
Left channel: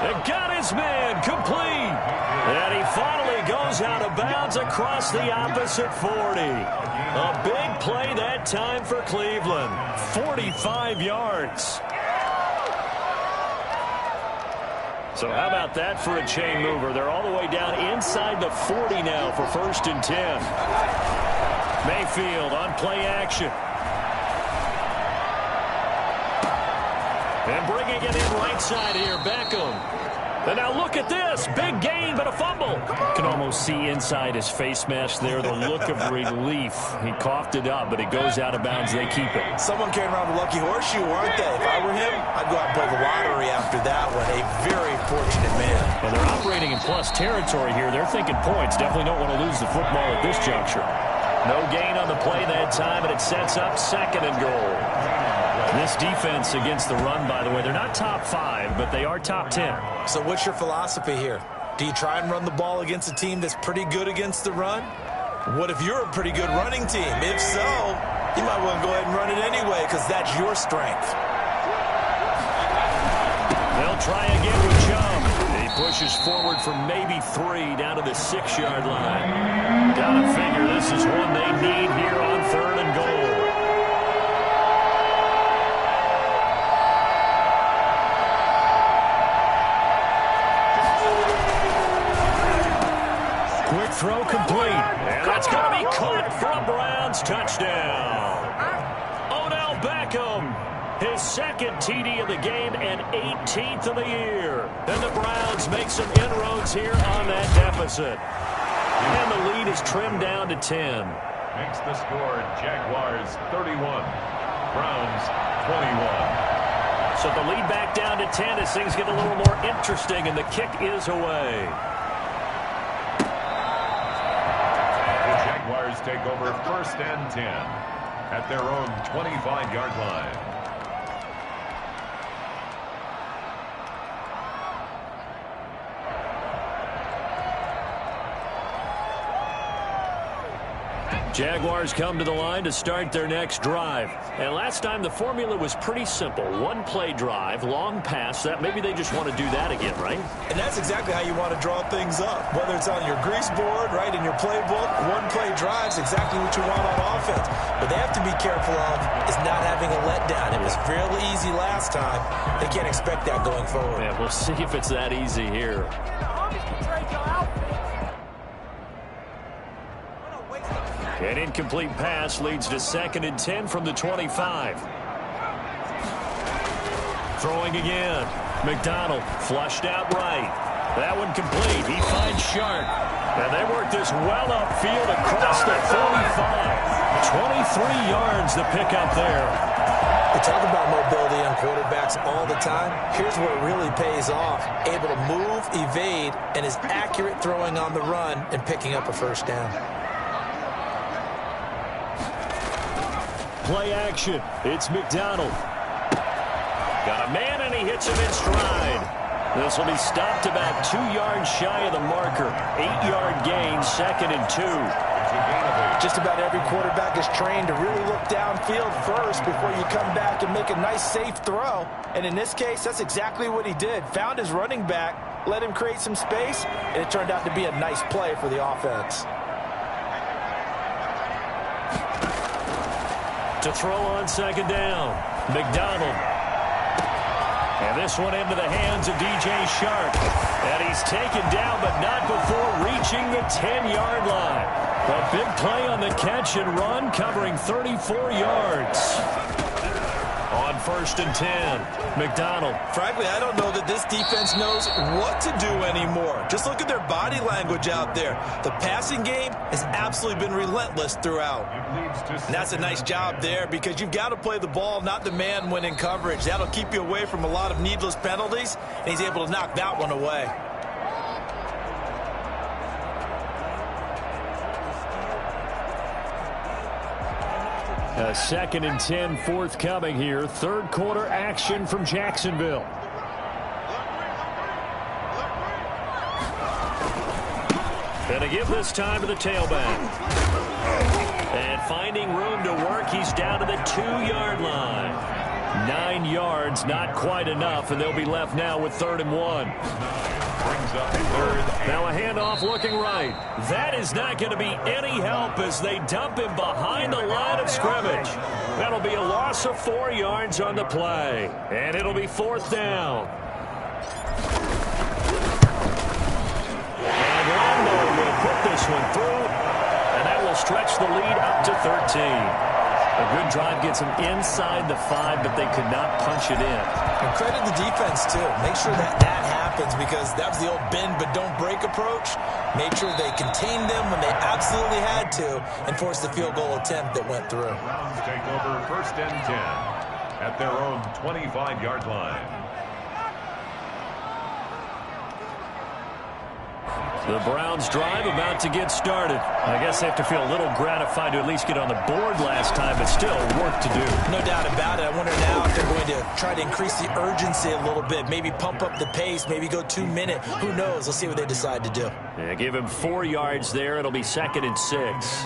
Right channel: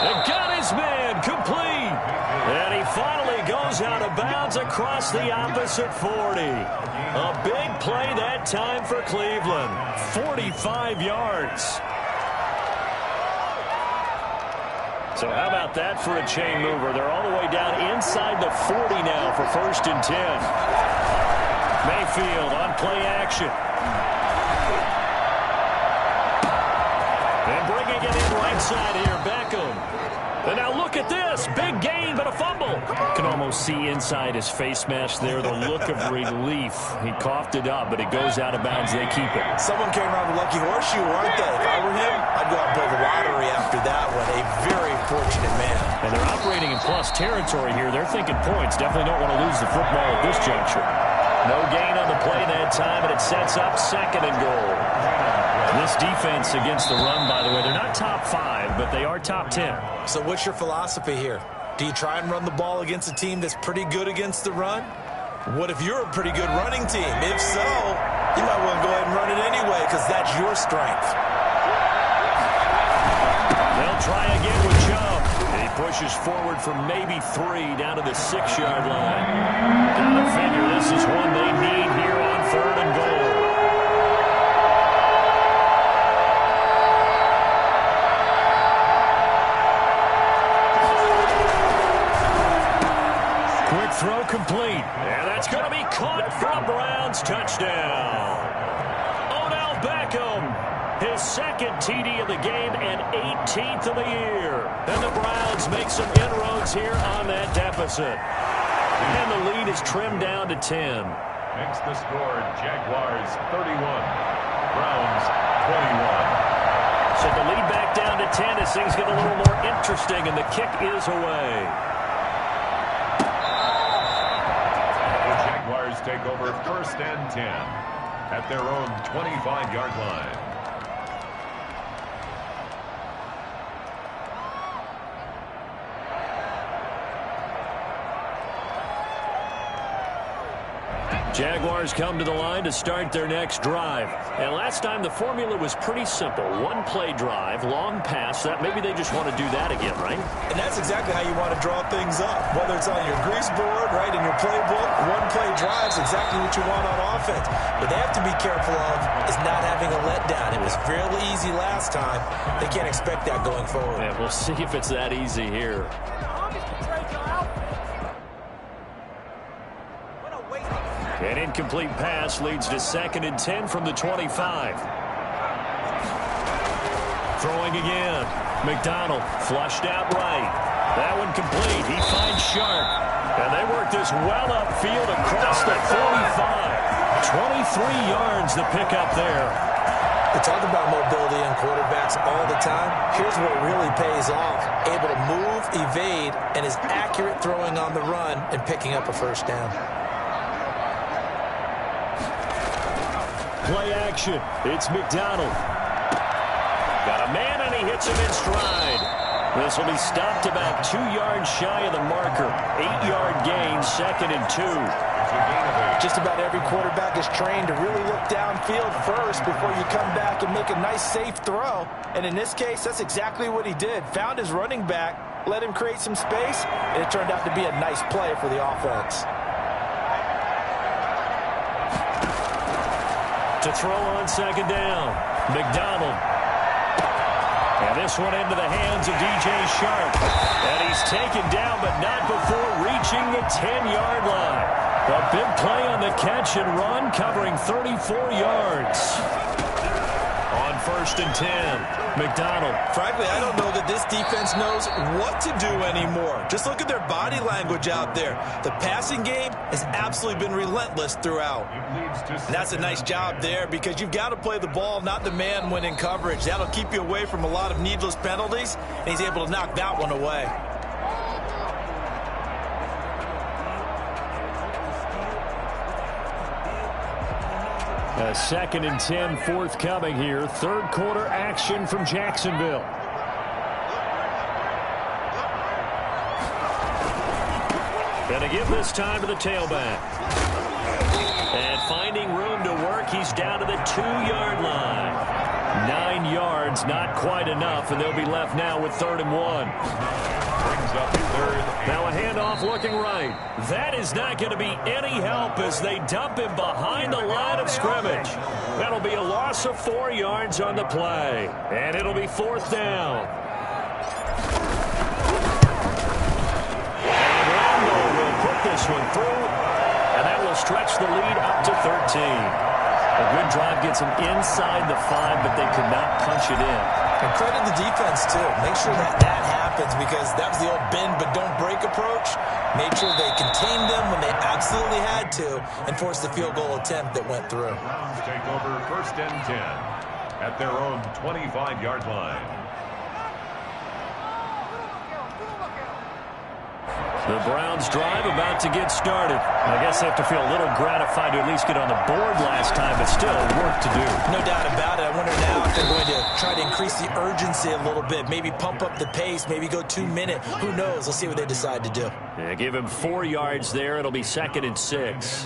And got his man complete. And he finally goes out of bounds across the opposite 40. A big play that time for Cleveland. 45 yards. So how about that for a chain mover? They're all the way down inside the 40 now for 1st and 10. Mayfield on play action. And bringing it in right side here, Beckham. And now look at this. Big gain, but a fumble. You can almost see inside his face mask there the look of relief. He coughed it up, but it goes out of bounds. They keep it. Someone came around the lucky horseshoe, weren't they? If I were him, I'd go out and play the lottery after that one. A very fortunate man. And they're operating in plus territory here. They're thinking points. Definitely don't want to lose the football at this juncture. No gain on the play that time, and it sets up 2nd and goal. This defense against the run, by the way, they're not top 5, but they are top 10. So what's your philosophy here? Do you try and run the ball against a team that's pretty good against the run? What if you're a pretty good running team? If so, you might want to go ahead and run it anyway because that's your strength. They'll try again with Chubb. He pushes forward for maybe 3 down to the 6-yard line. Gotta figure this is one they need here on 3rd and goal. Quick throw complete. And that's going to be caught for a Browns touchdown. Odell Beckham, his 2nd TD of the game and 18th of the year. And the Browns make some inroads here on that deficit. And the lead is trimmed down to 10. Makes the score Jaguars 31, Browns 21. So the lead back down to 10 as things get a little more interesting, and the kick is away. Jaguars take over 1st and 10 at their own 25-yard line. Jaguars come to the line to start their next drive. And last time the formula was pretty simple. 1-play drive, long pass. That maybe they just want to do that again, right? And that's exactly how you want to draw things up. Whether it's on your grease board, right, in your playbook, 1-play drive is exactly what you want on offense. What they have to be careful of is not having a letdown. It was real easy last time. They can't expect that going forward. Yeah, we'll see if it's that easy here. An incomplete pass leads to 2nd and 10 from the 25. Throwing again. McDonald flushed out right. That one complete. He finds Sharp. And they work this well upfield across the 45. 23 yards to pick up there. We talk about mobility on quarterbacks all the time. Here's what really pays off. Able to move, evade, and is accurate throwing on the run and picking up a 1st down. Play action. It's McDonald. Got a man, and he hits him in stride. This will be stopped about 2 yards shy of the marker. 8-yard gain, 2nd and 2. Just about every quarterback is trained to really look downfield first before you come back and make a nice, safe throw. And in this case, that's exactly what he did. Found his running back, let him create some space, and it turned out to be a nice play for the offense. To throw on 2nd down, McDonald. And this one into the hands of DJ Shark. And he's taken down, but not before reaching the 10-yard line. A big play on the catch and run, covering 34 yards. On 1st and 10, McDonald. Frankly, I don't know that this defense knows what to do anymore. Just look at their body language out there. The passing game has absolutely been relentless throughout. And that's a nice job there because you've got to play the ball, not the man when in coverage. That'll keep you away from a lot of needless penalties, and he's able to knock that one away. A 2nd and 10 forthcoming here. 3rd quarter action from Jacksonville. And a give this time to the tailback. And finding room to work, he's down to the 2-yard line. 9 yards, not quite enough, and they'll be left now with 3rd and 1. Brings up 3rd. Now a handoff looking right. That is not going to be any help as they dump him behind the line of scrimmage. That'll be a loss of 4 yards on the play. And it'll be 4th down. And Lambo will put this one through. And that will stretch the lead up to 13. A good drive gets them inside the 5, but they could not punch it in. And credit the defense, too. Make sure that happens because that was the old bend but don't break approach. Made sure they contained them when they absolutely had to and forced the field goal attempt that went through. Browns take over 1st and 10 at their own 25-yard line. The Browns drive about to get started. I guess they have to feel a little gratified to at least get on the board last time, but still work to do. No doubt about it. I wonder now if they're going to try to increase the urgency a little bit, maybe pump up the pace, maybe go 2 minute. Who knows? Let's see what they decide to do. Yeah, give him 4 yards there. It'll be 2nd and 6.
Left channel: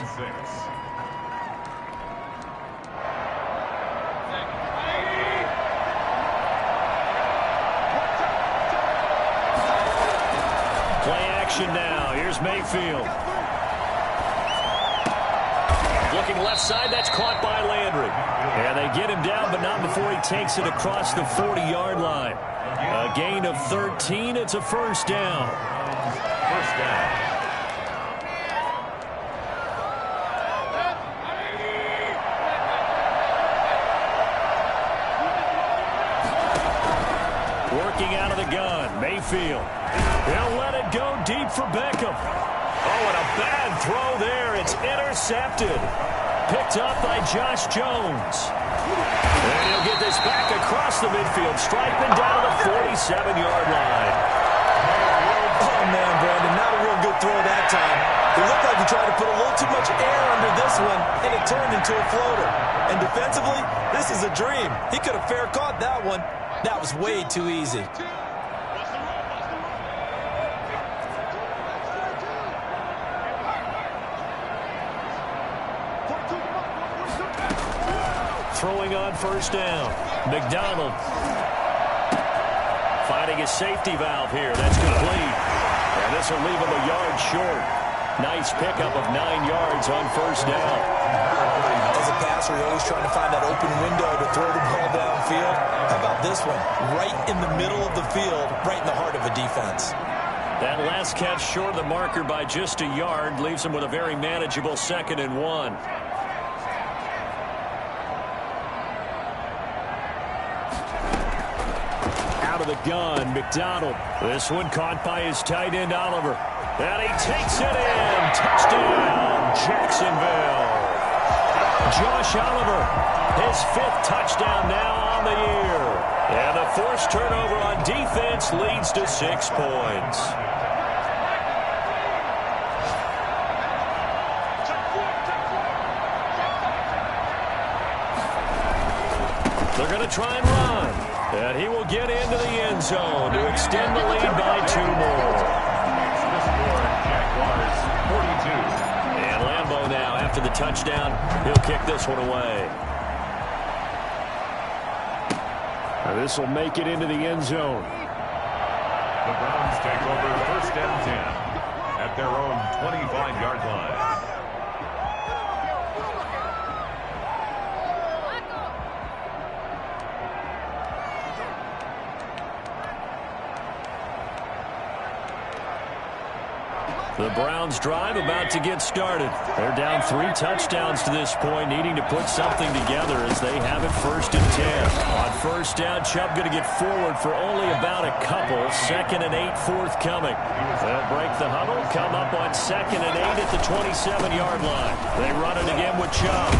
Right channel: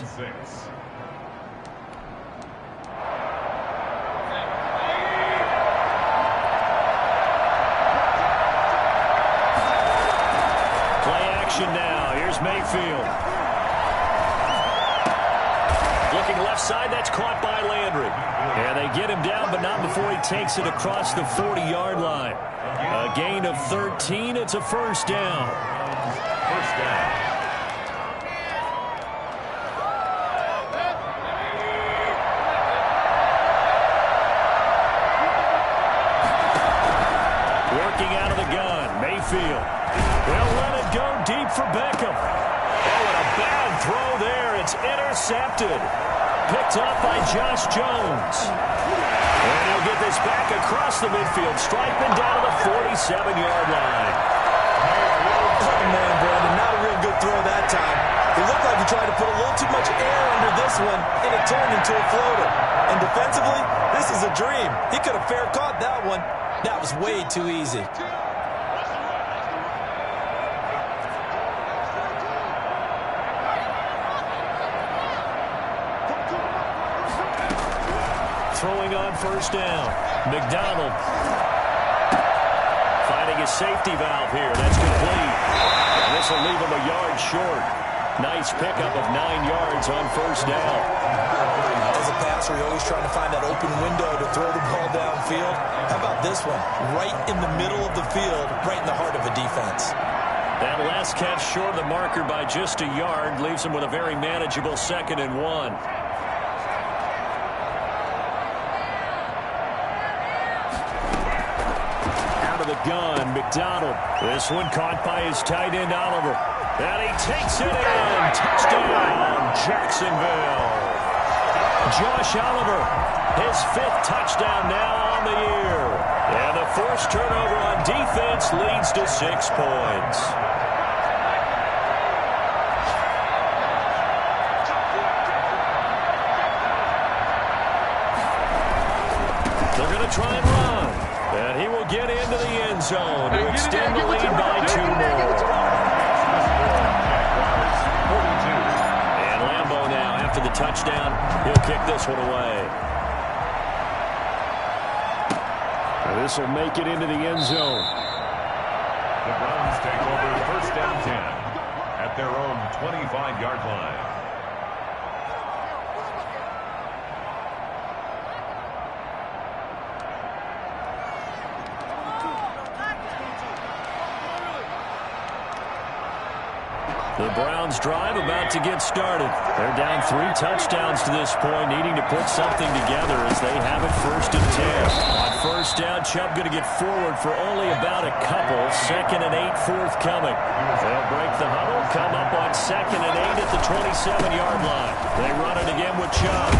action now. Here's Mayfield. Looking left side, that's caught by Landry. And they get him down, but not before he takes it across the 40-yard line. A gain of 13. It's a first down. First down. Working out of the gun, Mayfield. He'll let it go deep for Beckham. Oh, and a bad throw there. It's intercepted. Picked up by Josh Jones. And he'll get this back across the midfield, striping down to the 47-yard line. Oh, man, Brandon, not a real good throw that time. It looked like he tried to put a little too much air under this one, and it turned into a floater. And defensively, this is a dream. He could have fair caught that one. That was way too easy. Throwing on first down. McDonald finding his safety valve here. That's complete. And this will leave him a yard short. Nice pickup of 9 yards on first down. As a passer, you're always trying to find that open window to throw the ball downfield. How about this one? Right in the middle of the field, right in the heart of a defense. That last catch short of the marker by just a yard leaves him with a very manageable 2nd and 1. Out of the gun, McDonald. This one caught by his tight end, Oliver. And he takes it in. Touchdown, Jacksonville. Josh Oliver, his 5th touchdown now on the year. And the forced turnover on defense leads to 6 points. They're going to try and run. And he will get into the end zone to extend the lead by 2 more. Jaguars 42. And Lambeau now, after the touchdown, he'll kick this one away. And this will make it into the end zone. The Browns take over 1st and 10 at their own 25-yard line. The Browns drive about to get started. They're down 3 touchdowns to this point, needing to put something together as they have it 1st and 10. On first down, Chubb going to get forward for only about a couple. 2nd and 8 forthcoming. They'll break the huddle, come up on 2nd and 8 at the 27-yard line. They run it again with Chubb.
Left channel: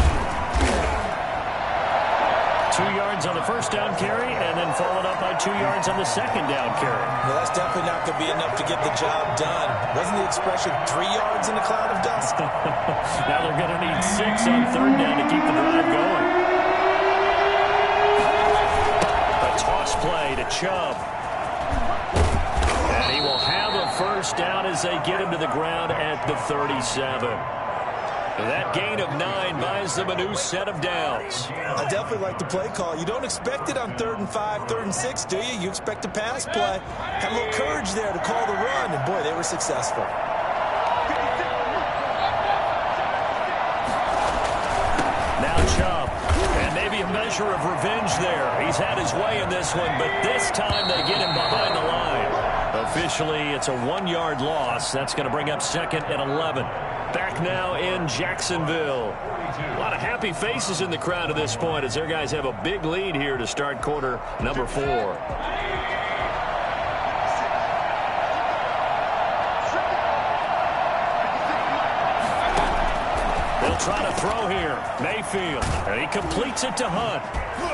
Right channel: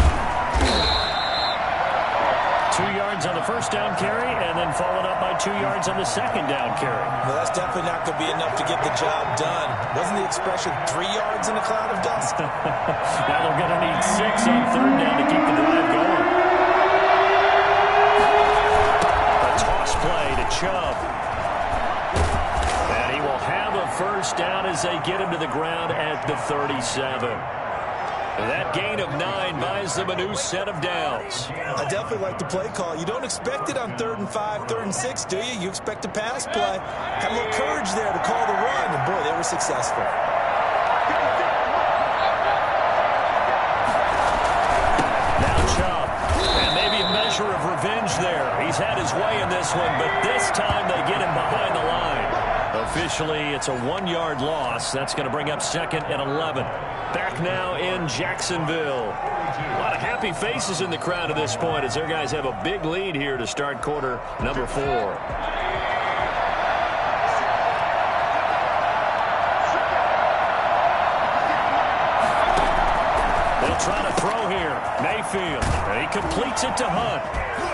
2 yards on the first down carry, and then followed up by 2 yards on the 2nd down carry. Well, that's definitely not going to be enough to get the job done. Wasn't the expression 3 yards in a cloud of dust? Now they're going to need 6 on 3rd down to keep the drive going. A toss play to Chubb. And he will have a first down as they get him to the ground at the 37. That gain of 9 buys them a new set of downs. I definitely like the play call. You don't expect it on 3rd and 5, 3rd and 6, do you? You expect a pass play. Had a little courage there to call the run, and boy, they were successful. Now Chubb, and maybe a measure of revenge there. He's had his way in this one, but this time they get him behind the line. Officially, it's a 1-yard loss. That's going to bring up 2nd and 11. Back now in Jacksonville. A lot of happy faces in the crowd at this point as their guys have a big lead here to start quarter number 4. They'll try to throw here. Mayfield. And he completes it to Hunt.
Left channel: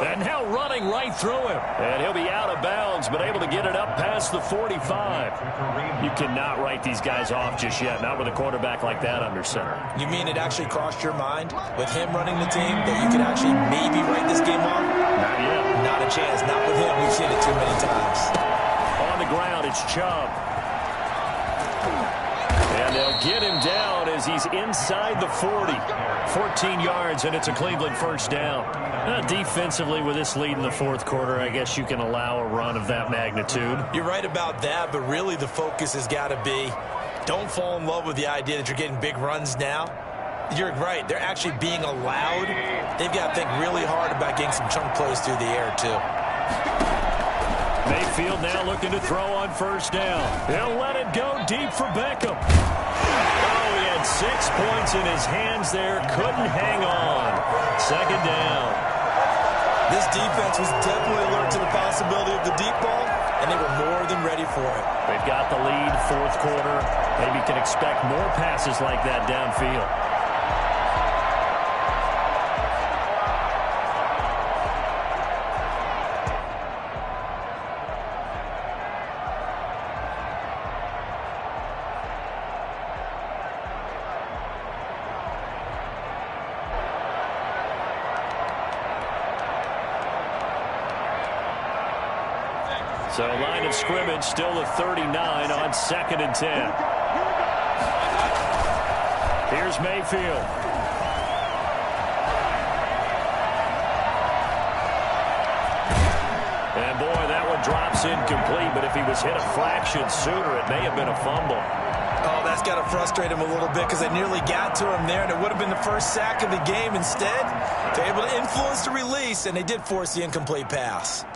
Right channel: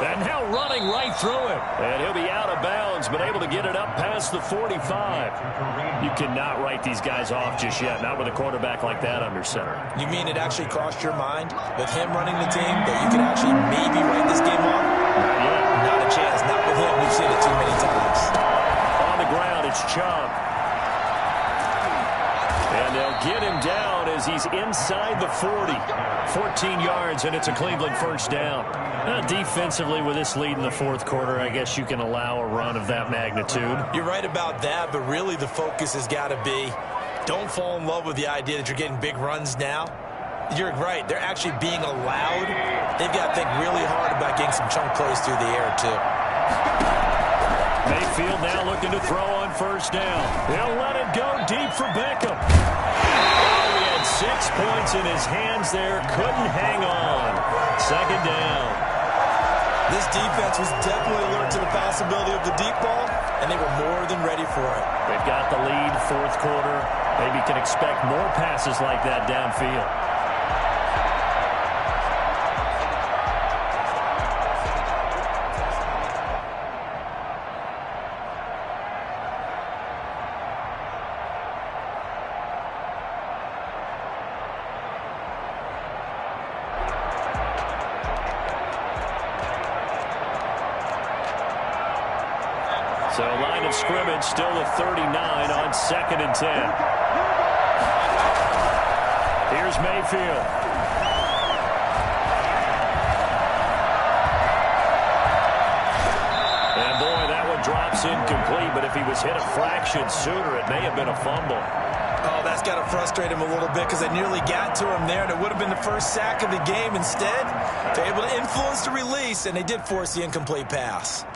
And now running right through him. And he'll be out of bounds, but able to get it up past the 45. You cannot write these guys off just yet, not with a quarterback like that under center. You mean it actually crossed your mind with him running the team that you could actually maybe write this game off? Not yet. Not a chance. Not with him. We've seen it too many times. On the ground, it's Chubb. And they'll get him down as he's inside the 40. 14 yards, and it's a Cleveland first down. Defensively, with this lead in the 4th quarter, I guess you can allow a run of that magnitude. You're right about that, but really the focus has got to be Don't fall in love with the idea that you're getting big runs now. You're right. They're actually being allowed. They've got to think really hard about getting some chunk plays through the air, too. Mayfield now looking to throw on first down. He'll let it go deep for Beckham. Oh, he had 6 points in his hands there. Couldn't hang on. Second down. This defense was definitely alert to the possibility of the deep ball, and they were more than ready for it. They've got the lead, fourth quarter. Maybe can expect more passes like that downfield. So line of scrimmage still the 39 on 2nd and 10. Here's Mayfield. And boy, that one drops incomplete, but if he was hit a fraction sooner, it may have been a fumble. Oh, that's got to frustrate him a little bit because they nearly got to him there, and it would have been the first sack of the game. Instead, they're able to influence the release, and they did force the incomplete pass.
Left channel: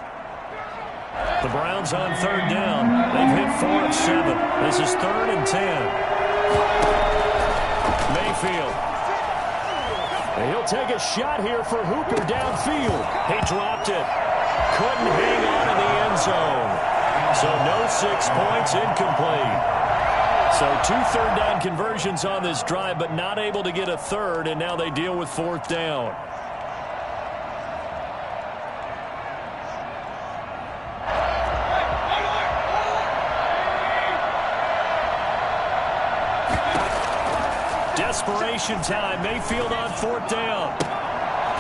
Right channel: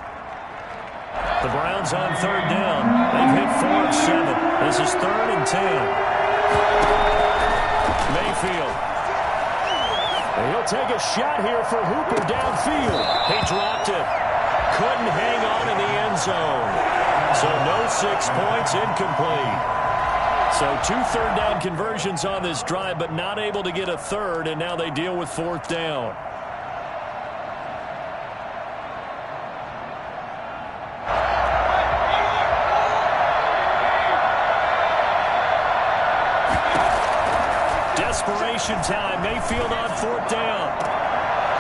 The Browns on 3rd down. They've hit 4 of 7. This is 3rd and 10. Mayfield. He'll take a shot here for Hooper downfield. He dropped it. Couldn't hang on in the end zone. So no 6 points, incomplete. So 2 third down conversions on this drive, but not able to get a third, and now they deal with 4th down. Desperation time. Mayfield on 4th down.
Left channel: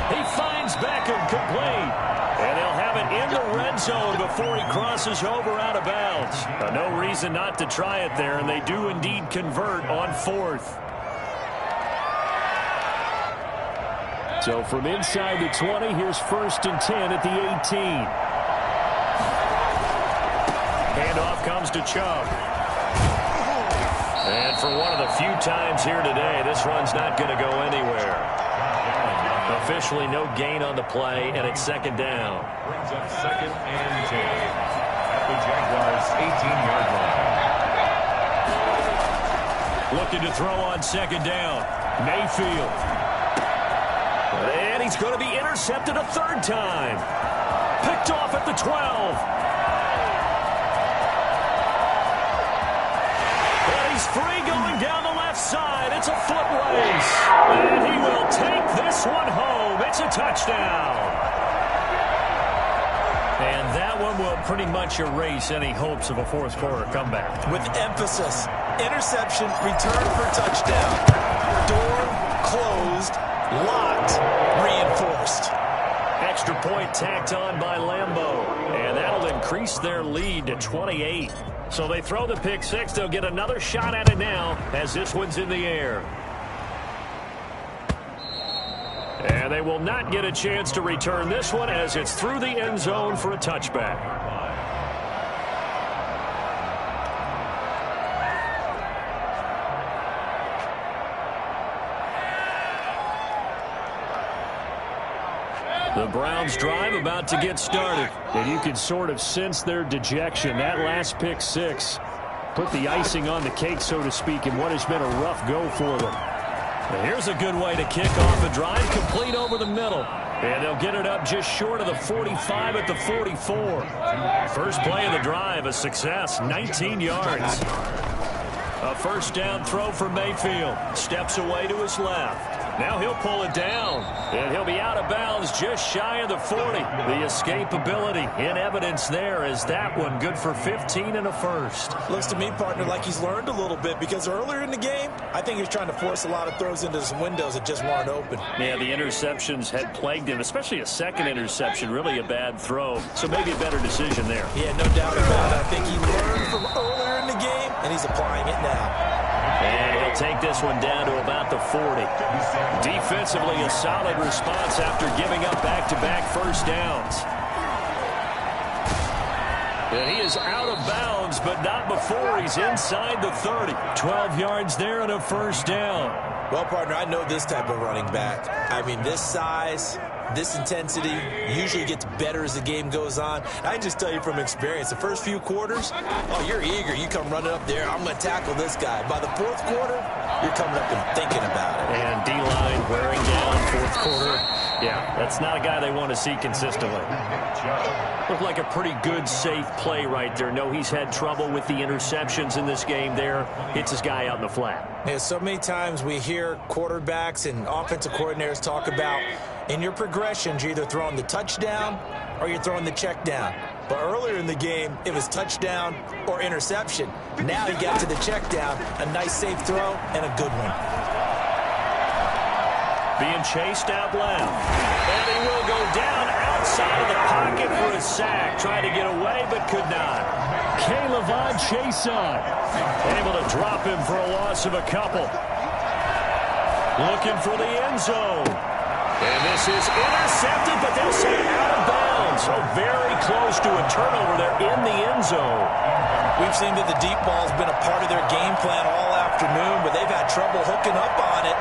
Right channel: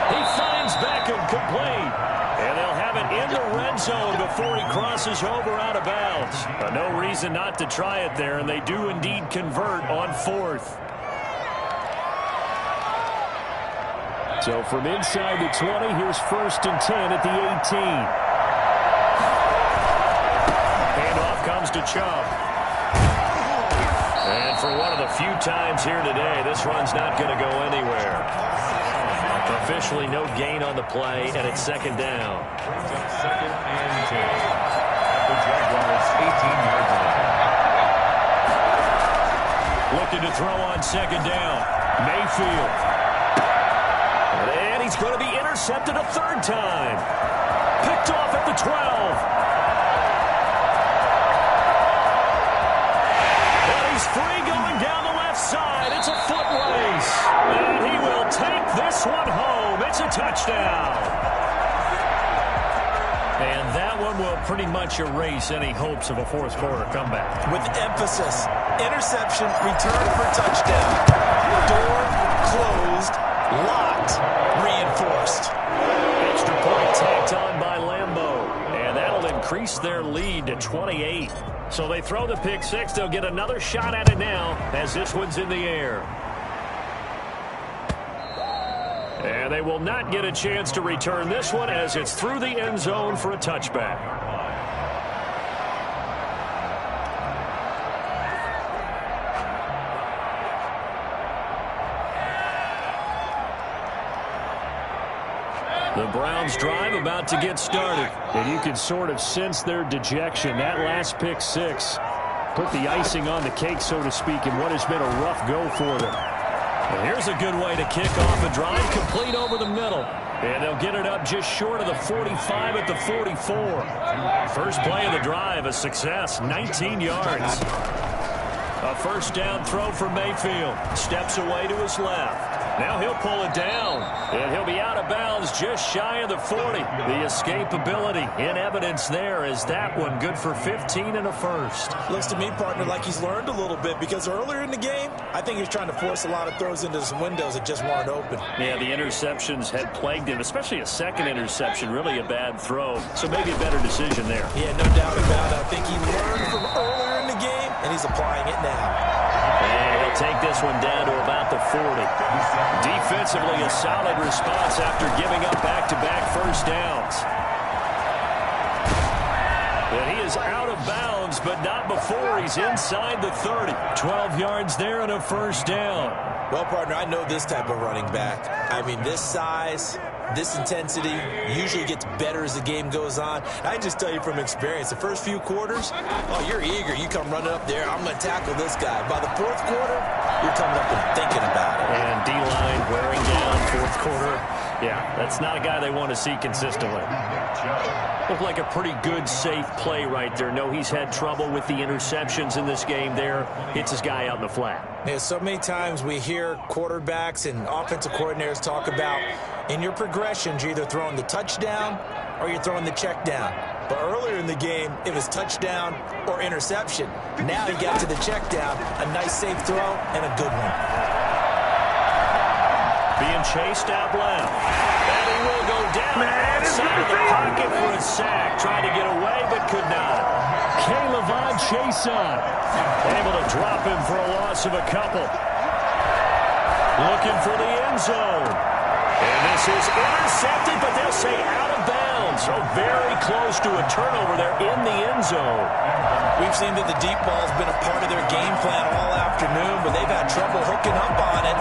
He finds Beckham complete. And they'll have it in the red zone before he crosses over out of bounds. No reason not to try it there, and they do indeed convert on 4th. So from inside the 20, here's 1st and 10 at the 18. Handoff comes to Chubb. And for one of the few times here today, this run's not going to go anywhere. Officially no gain on the play, and it's 2nd down. Brings up 2nd and 10 at the Jaguars' 18-yard line. Looking to throw on 2nd down. Mayfield. And he's going to be intercepted a 3rd time. Picked off at the 12. And he's free going down the left side. It's a foot race. And he will take this one home. It's a touchdown. And that one will pretty much erase any hopes of a fourth quarter comeback. With emphasis, interception, return for touchdown. Door closed, locked, reinforced. Extra point tacked on by Lambeau. And that'll increase their lead to 28. So they throw the pick six. They'll get another shot at it now as this one's in the air. And they will not get a chance to return this one as it's through the end zone for a touchback. The Browns drive about to get started. And you can sort of sense their dejection. That last pick six put the icing on the cake, so to speak, in what has been a rough go for them. And here's a good way to kick off a drive, complete over the middle. And they'll get it up just short of the 45 at the 44. First play of the drive, a success, 19 yards. A first down throw for Mayfield. Steps away to his left. Now he'll pull it down, and he'll be out of bounds just shy of the 40. The escapability in evidence there as that one good for 15 and a first. Looks to me, partner, like he's learned a little bit because earlier in the game, I think he was trying to force a lot of throws into some windows that just weren't open. Yeah, the interceptions had plagued him, especially a second interception, really a bad throw. So maybe a better decision there. Yeah, no doubt about it. I think he learned from earlier in the game, and he's applying it now. And he'll take this one down to about the 40. Defensively, a solid response after giving up back-to-back first downs. And he is out of bounds, but not before he's inside the 30. 12 yards there and a first down. Well, partner, I know this type of running back. I mean, this size, this intensity usually gets better as the game goes on. I can just tell you from experience, the first few quarters, oh, you're eager. You come running up there, I'm going to tackle this guy. By the fourth quarter, you're coming up and thinking about it. And D-line wearing down fourth quarter. Yeah, that's not a guy they want to see consistently. Looked like a pretty good, safe play right there. No, he's had trouble with the interceptions in this game there. Hits his guy out in the flat. Yeah, so many times we hear quarterbacks and offensive coordinators talk about in your progressions, you're either throwing the touchdown or you're throwing the check down. But earlier in the game, it was touchdown or interception. Now he got to the check down, a nice safe throw, and a good one. Being chased out left. And he will go down outside of the pocket for a sack. Tried to get away, but could not. Caleb Chason able to drop him for a loss of a couple. Looking for the end zone. And this is intercepted, but they'll say out of bounds. So very close to a turnover there in the end zone. We've seen that the deep ball's been a part of their game plan all afternoon, but they've had trouble hooking up on it,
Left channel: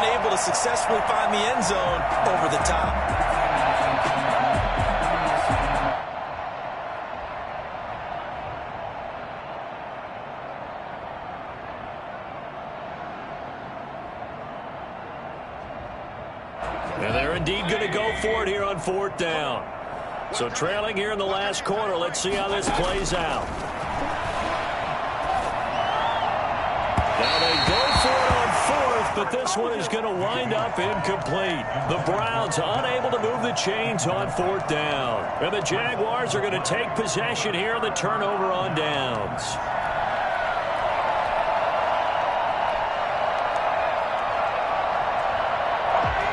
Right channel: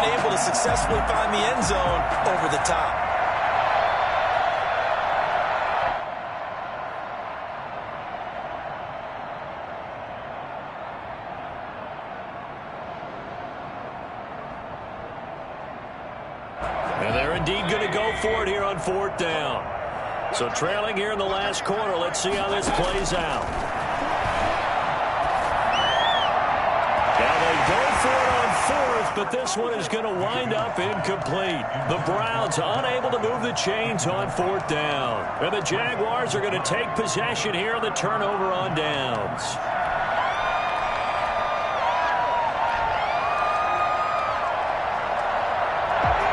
unable to successfully find the end zone over the top. And they're indeed going to go for it here on fourth down. So trailing here in the last quarter. Let's see how this plays out. Now they go for it on fourth, but this one is going to wind up incomplete. The Browns unable to move the chains on fourth down. And the Jaguars are going to take possession here on the turnover on downs.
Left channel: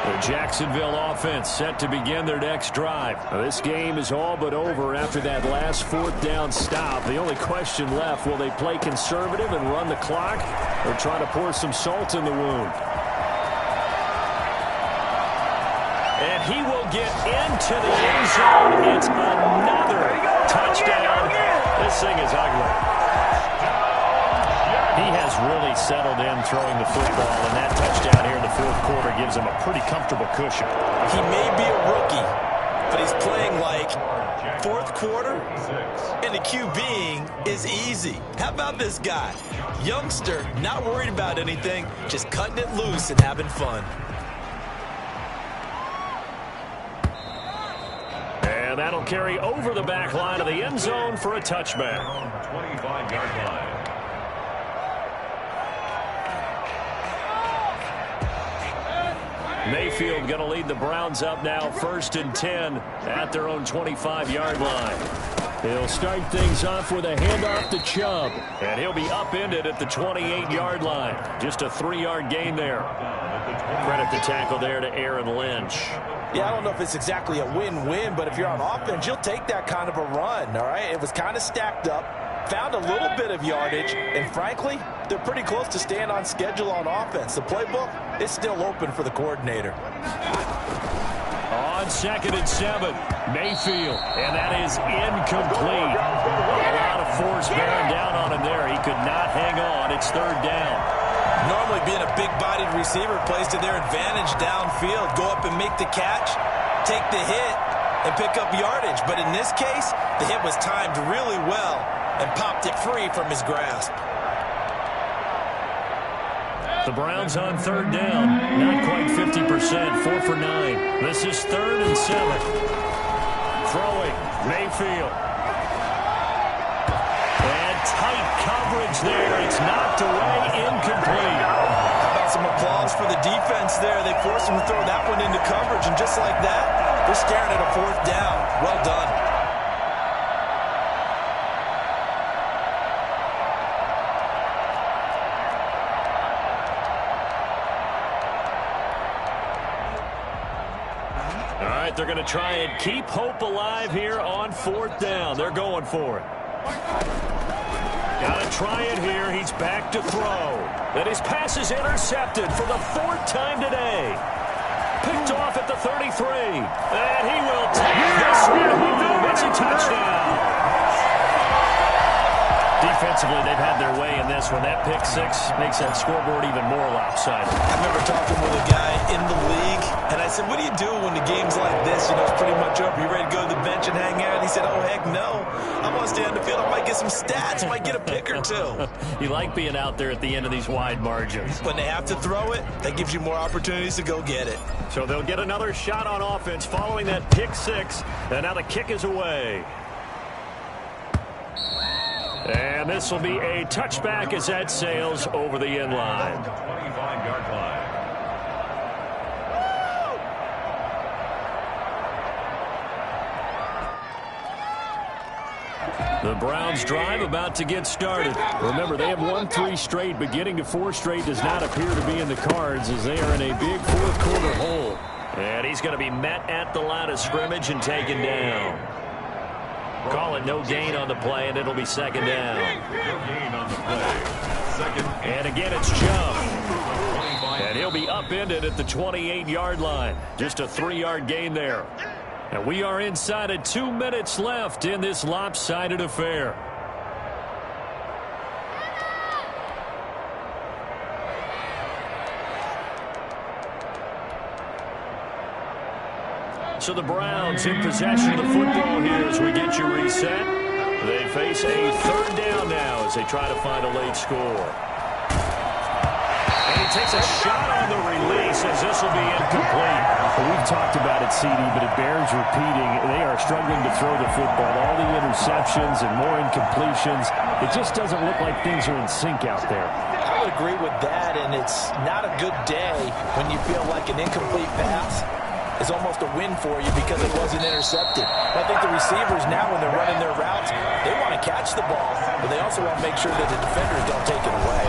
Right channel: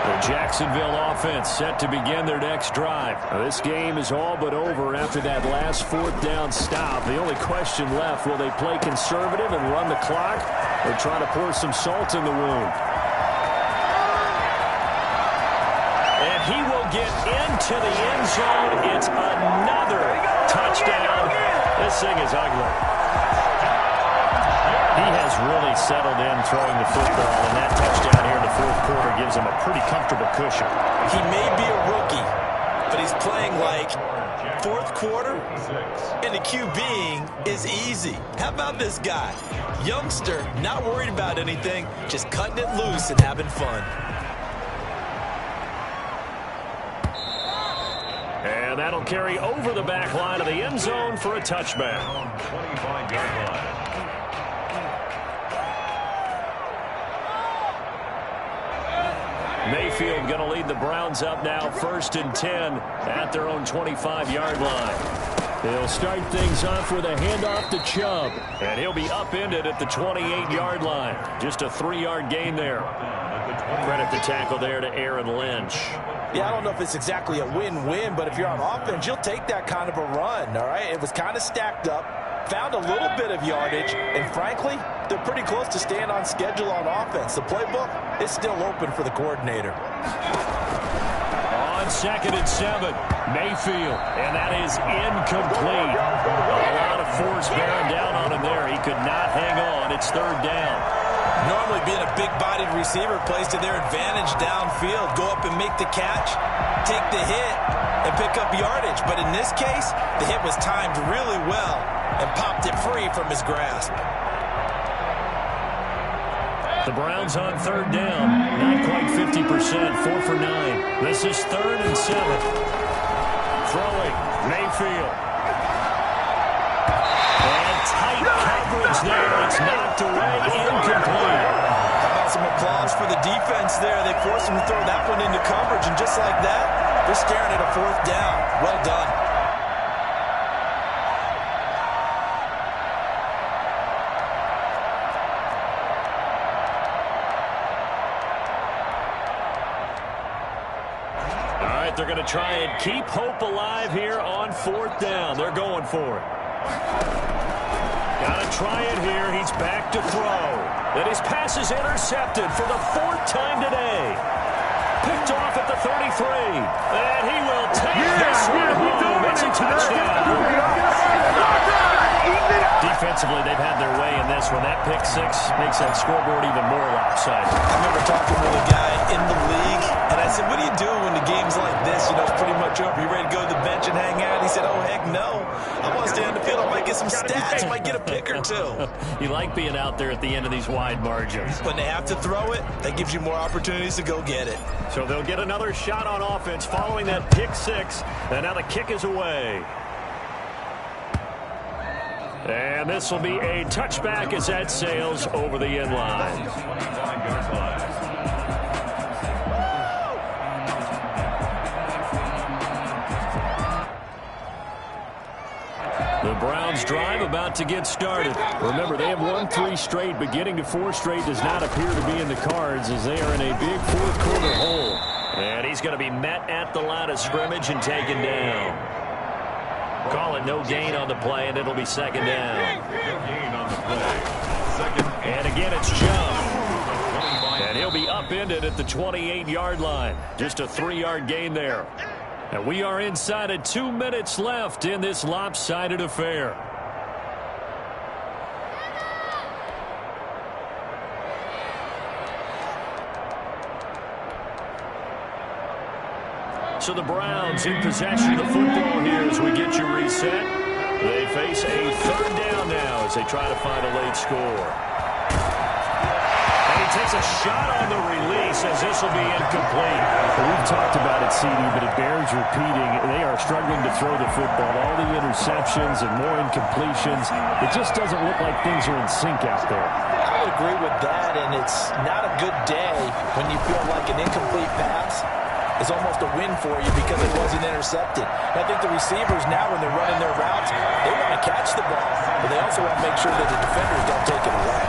The Jacksonville offense set to begin their next drive. Now, this game is all but over after that last fourth down stop. The only question left, will they play conservative and run the clock or try to pour some salt in the wound? And he will get into the end zone. It's another touchdown. This thing is ugly. He has really settled in throwing the football, and that touchdown here in the fourth quarter gives him a pretty comfortable cushion. He may be a rookie, but he's playing like fourth quarter, and the QBing is easy. How about this guy? Youngster, not worried about anything, just cutting it loose and having fun. And that'll carry over the back line of the end zone for a touchback. 25-yard line. Mayfield going to lead the Browns up now, 1st and 10 at their own 25-yard line. They'll start things off with a handoff to Chubb, and he'll be upended at the 28-yard line. Just a 3-yard gain there. Credit the tackle there to Aaron Lynch. Yeah, I don't know if it's exactly a win-win, but if you're on offense, you'll take that kind of a run, all right? It was kind of stacked up, found a little bit of yardage, and frankly, they're pretty close to staying on schedule on offense. The playbook is still open for the coordinator. On 2nd and 7, Mayfield, and that is incomplete. A lot of force bearing down on him there. He could not hang on. It's 3rd down. Normally being a big-bodied receiver plays to their advantage downfield. Go up and make the catch, take the hit, and pick up yardage. But in this case, the hit was timed really well and popped it free from his grasp. The Browns on 3rd down, not quite 50%, 4 for 9. This is 3rd and 7. Throwing, Mayfield. And tight coverage there. It's knocked away, incomplete. How about some applause for the defense there? They forced him to throw that one into coverage, and just like that, they're staring at a 4th down. Well done. All right, they're going to try and keep hope alive here on 4th down. They're going for it. Got to try it here. He's back to throw. And his pass is intercepted for the 4th time today. Picked off at the 33. And he will take this one home. It's a touchdown. Offensively, they've had their way in this one. That pick six makes that scoreboard even more lopsided. I remember talking with a guy in the league, and I said, what do you do when the game's like this? You know, it's pretty much over. You ready to go to the bench and hang out? He said, oh, heck no. I want to stay on the field. I might get some stats. I might get a pick or two. You like being out there at the end of these wide margins. When they have to throw it, that gives you more opportunities to go get it. So they'll get another shot on offense following that pick six. And now the kick is away. And this will be a touchback as that sails over the end line. 25-yard line. The Browns drive about to get started. Remember, they have won 3 straight, but getting to 4 straight does not appear to be in the cards as they are in a big fourth-quarter hole. And he's going to be met at the line of scrimmage and taken down. Call it no gain on the play, and it'll be second down. No gain on the play. Second. And again, it's Chubb. And he'll be upended at the 28-yard line. Just a 3-yard gain there. And we are inside of 2 minutes left in this lopsided affair. So the Browns in possession of the football here as we get you reset. They face a third down now as they try to find a late score. And he takes a shot on the release as this will be incomplete. Well, we've talked about it, CD, but it bears repeating. They are struggling to throw the football. All the interceptions and more incompletions. It just doesn't look like things are in sync out there. I would agree with that, and it's not a good day when you feel like an incomplete pass is almost a win for you because it wasn't intercepted. I think the receivers now, when they're running their routes, they want to catch the ball, but they also want to make sure that the defenders don't take it away.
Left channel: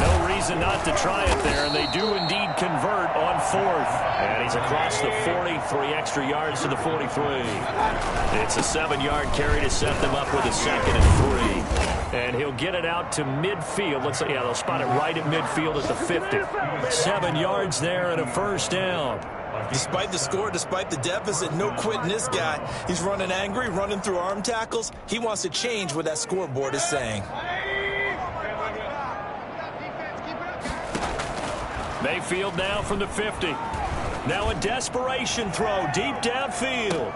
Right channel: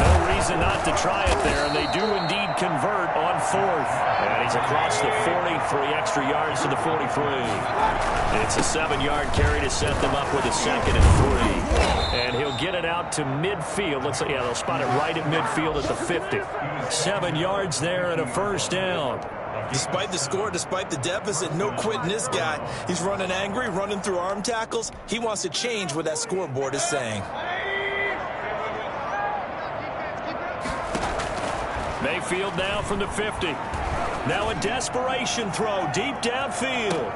No reason not to try it there, and they do indeed convert on fourth. And he's across the 40, 3 extra yards to the 43. It's a 7-yard carry to set them up with a 2nd and 3. And he'll get it out to midfield. Looks like, yeah, they'll spot it right at midfield at the 50. 7 yards there and a first down. Despite the score, despite the deficit, no quitting this guy. He's running angry, running through arm tackles. He wants to change what that scoreboard is saying. Mayfield now from the 50. Now a desperation throw deep downfield.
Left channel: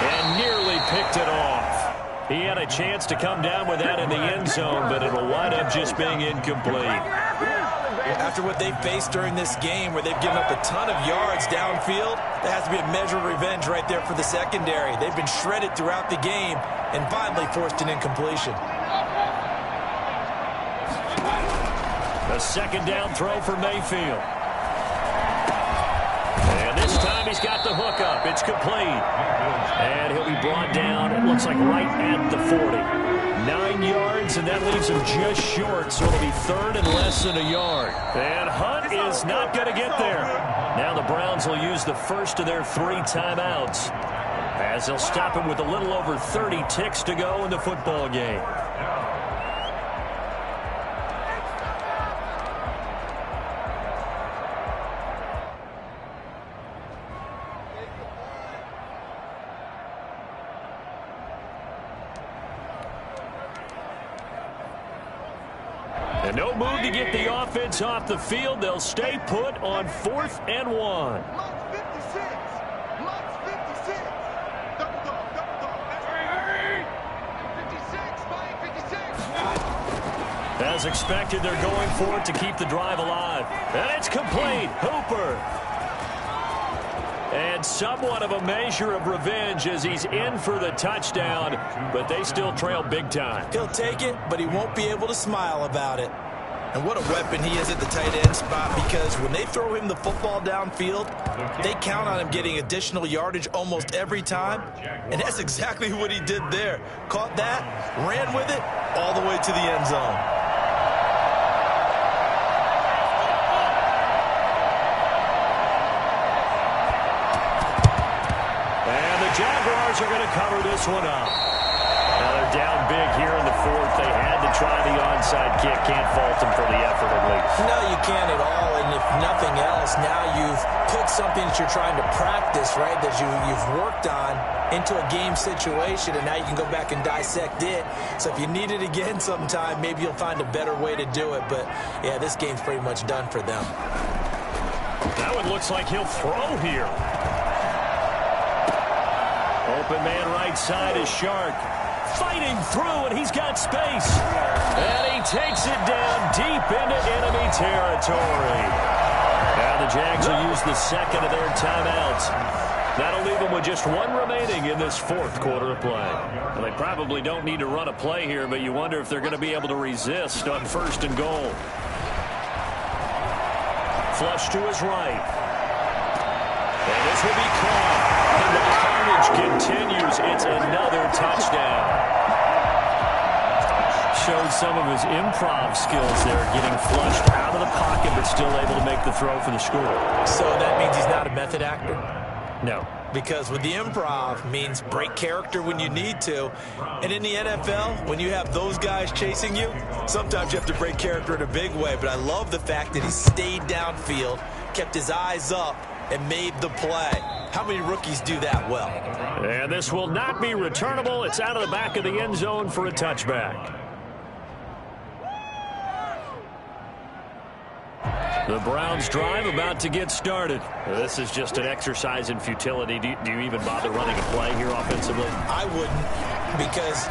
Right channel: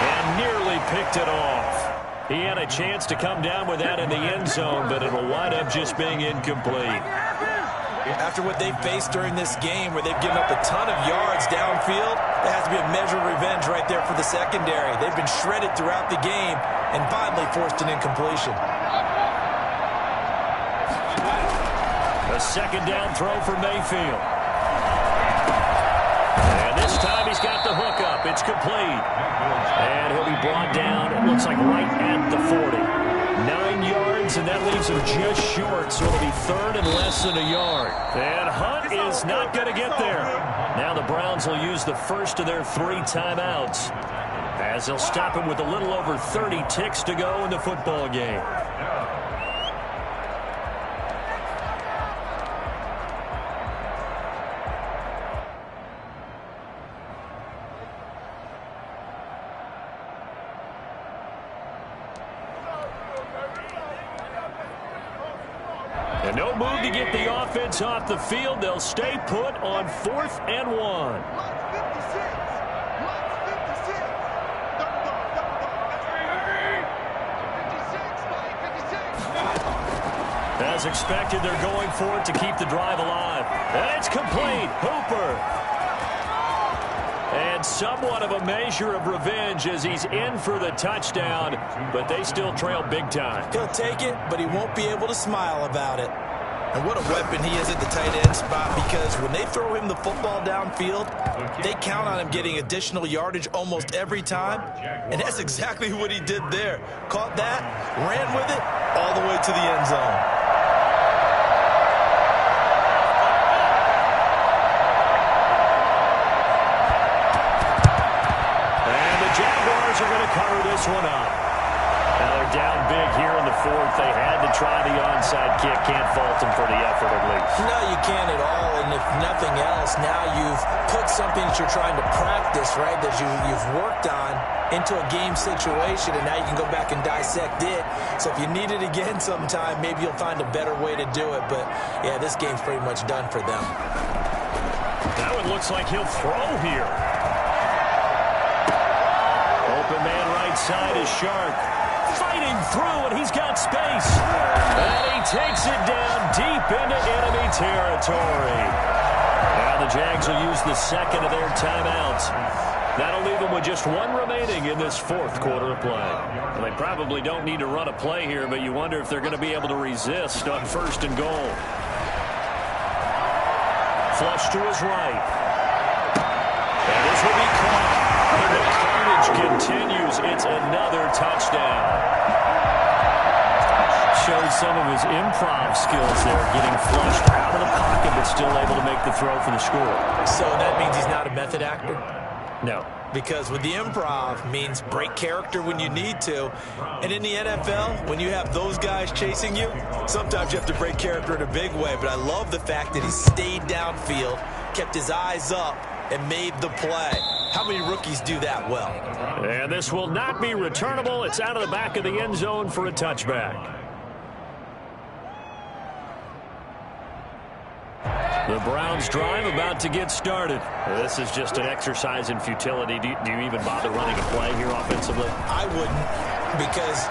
And nearly picked it off. He had a chance to come down with that in the end zone, but it'll wind up just being incomplete. After what they've faced during this game where they've given up a ton of yards downfield, there has to be a measure of revenge right there for the secondary. They've been shredded throughout the game and finally forced an incompletion. A 2nd down throw for Mayfield. And this time he's got the hook up. It's complete. And he'll be brought down, it looks like right at the 40. 9 yards, and that leaves him just short, so it'll be 3rd and less than a yard. And Hunt is not going to get there. Now the Browns will use the first of their 3 timeouts as they'll stop him with a little over 30 ticks to go in the football game. And no move to get the offense off the field. They'll stay put on 4th and 1. As expected, they're going for it to keep the drive alive. And it's complete. Hooper. And somewhat of a measure of revenge as he's in for the touchdown, but they still trail big time. He'll take it, but he won't be able to smile about it. And what a weapon he is at the tight end spot, because when they throw him the football downfield, they count on him getting additional yardage almost every time. And that's exactly what he did there. Caught that, ran with it, all the way to the end zone. And the Jaguars are going to cover this one up. Now they're down big here in the fourth. They had to try the onside kick. Can't fault them for the effort at least. No, you can't at all. And if nothing else, now you've put something that you're trying to practice, right, that you've worked on into a game situation, and now you can go back and dissect it. So if you need it again sometime, maybe you'll find a better way to do it. But, yeah, this game's pretty much done for them. Now it looks like he'll throw here. Open man right side is Shark. Fighting through, and he's got space. And he takes it down deep into enemy territory. Now the Jags will use the second of their timeouts. That'll leave them with just one remaining in this fourth quarter of play. Well, they probably don't need to run a play here, but you wonder if they're going to be able to resist on first and goal. Flush to his right. And this will be caught. And the carnage continues. It's another touchdown. Showed some of his improv skills there, getting flushed out of the pocket, but still able to make the throw for the score. So that means he's not a method actor? No. Because with the improv means break character when you need to. And in the NFL, when you have those guys chasing you, sometimes you have to break character in a big way. But I love the fact that he stayed downfield, kept his eyes up, and made the play. How many rookies do that well? And this will not be returnable. It's out of the back of the end zone for a touchback. The Browns drive about to get started. This is just an exercise in futility. Do you even bother running a play here offensively? I wouldn't, because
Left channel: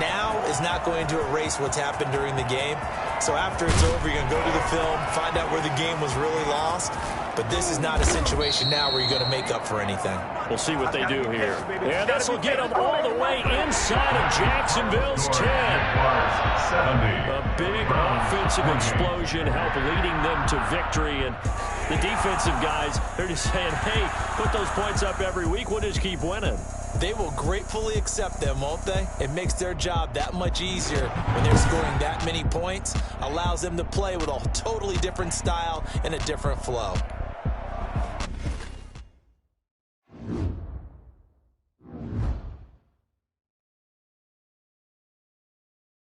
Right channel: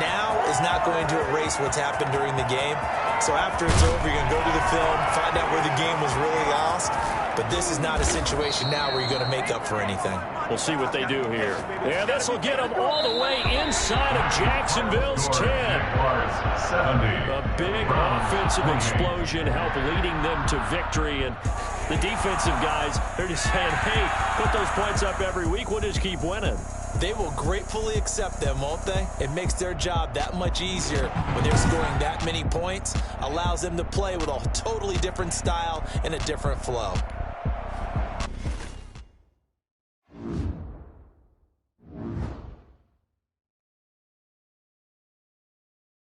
now is not going to erase what's happened during the game. So after it's over, you're going to go to the film, find out where the game was really lost. But this is not a situation now where you're going to make up for anything. We'll see what they do here. And this will get them all the way inside of Jacksonville's 10. A big offensive explosion helped leading them to victory. And the defensive guys, they're just saying, hey, put those points up every week. We'll just keep winning. They will gratefully accept them, won't they? It makes their job that much easier when they're scoring that many points. Allows them to play with a totally different style and a different flow.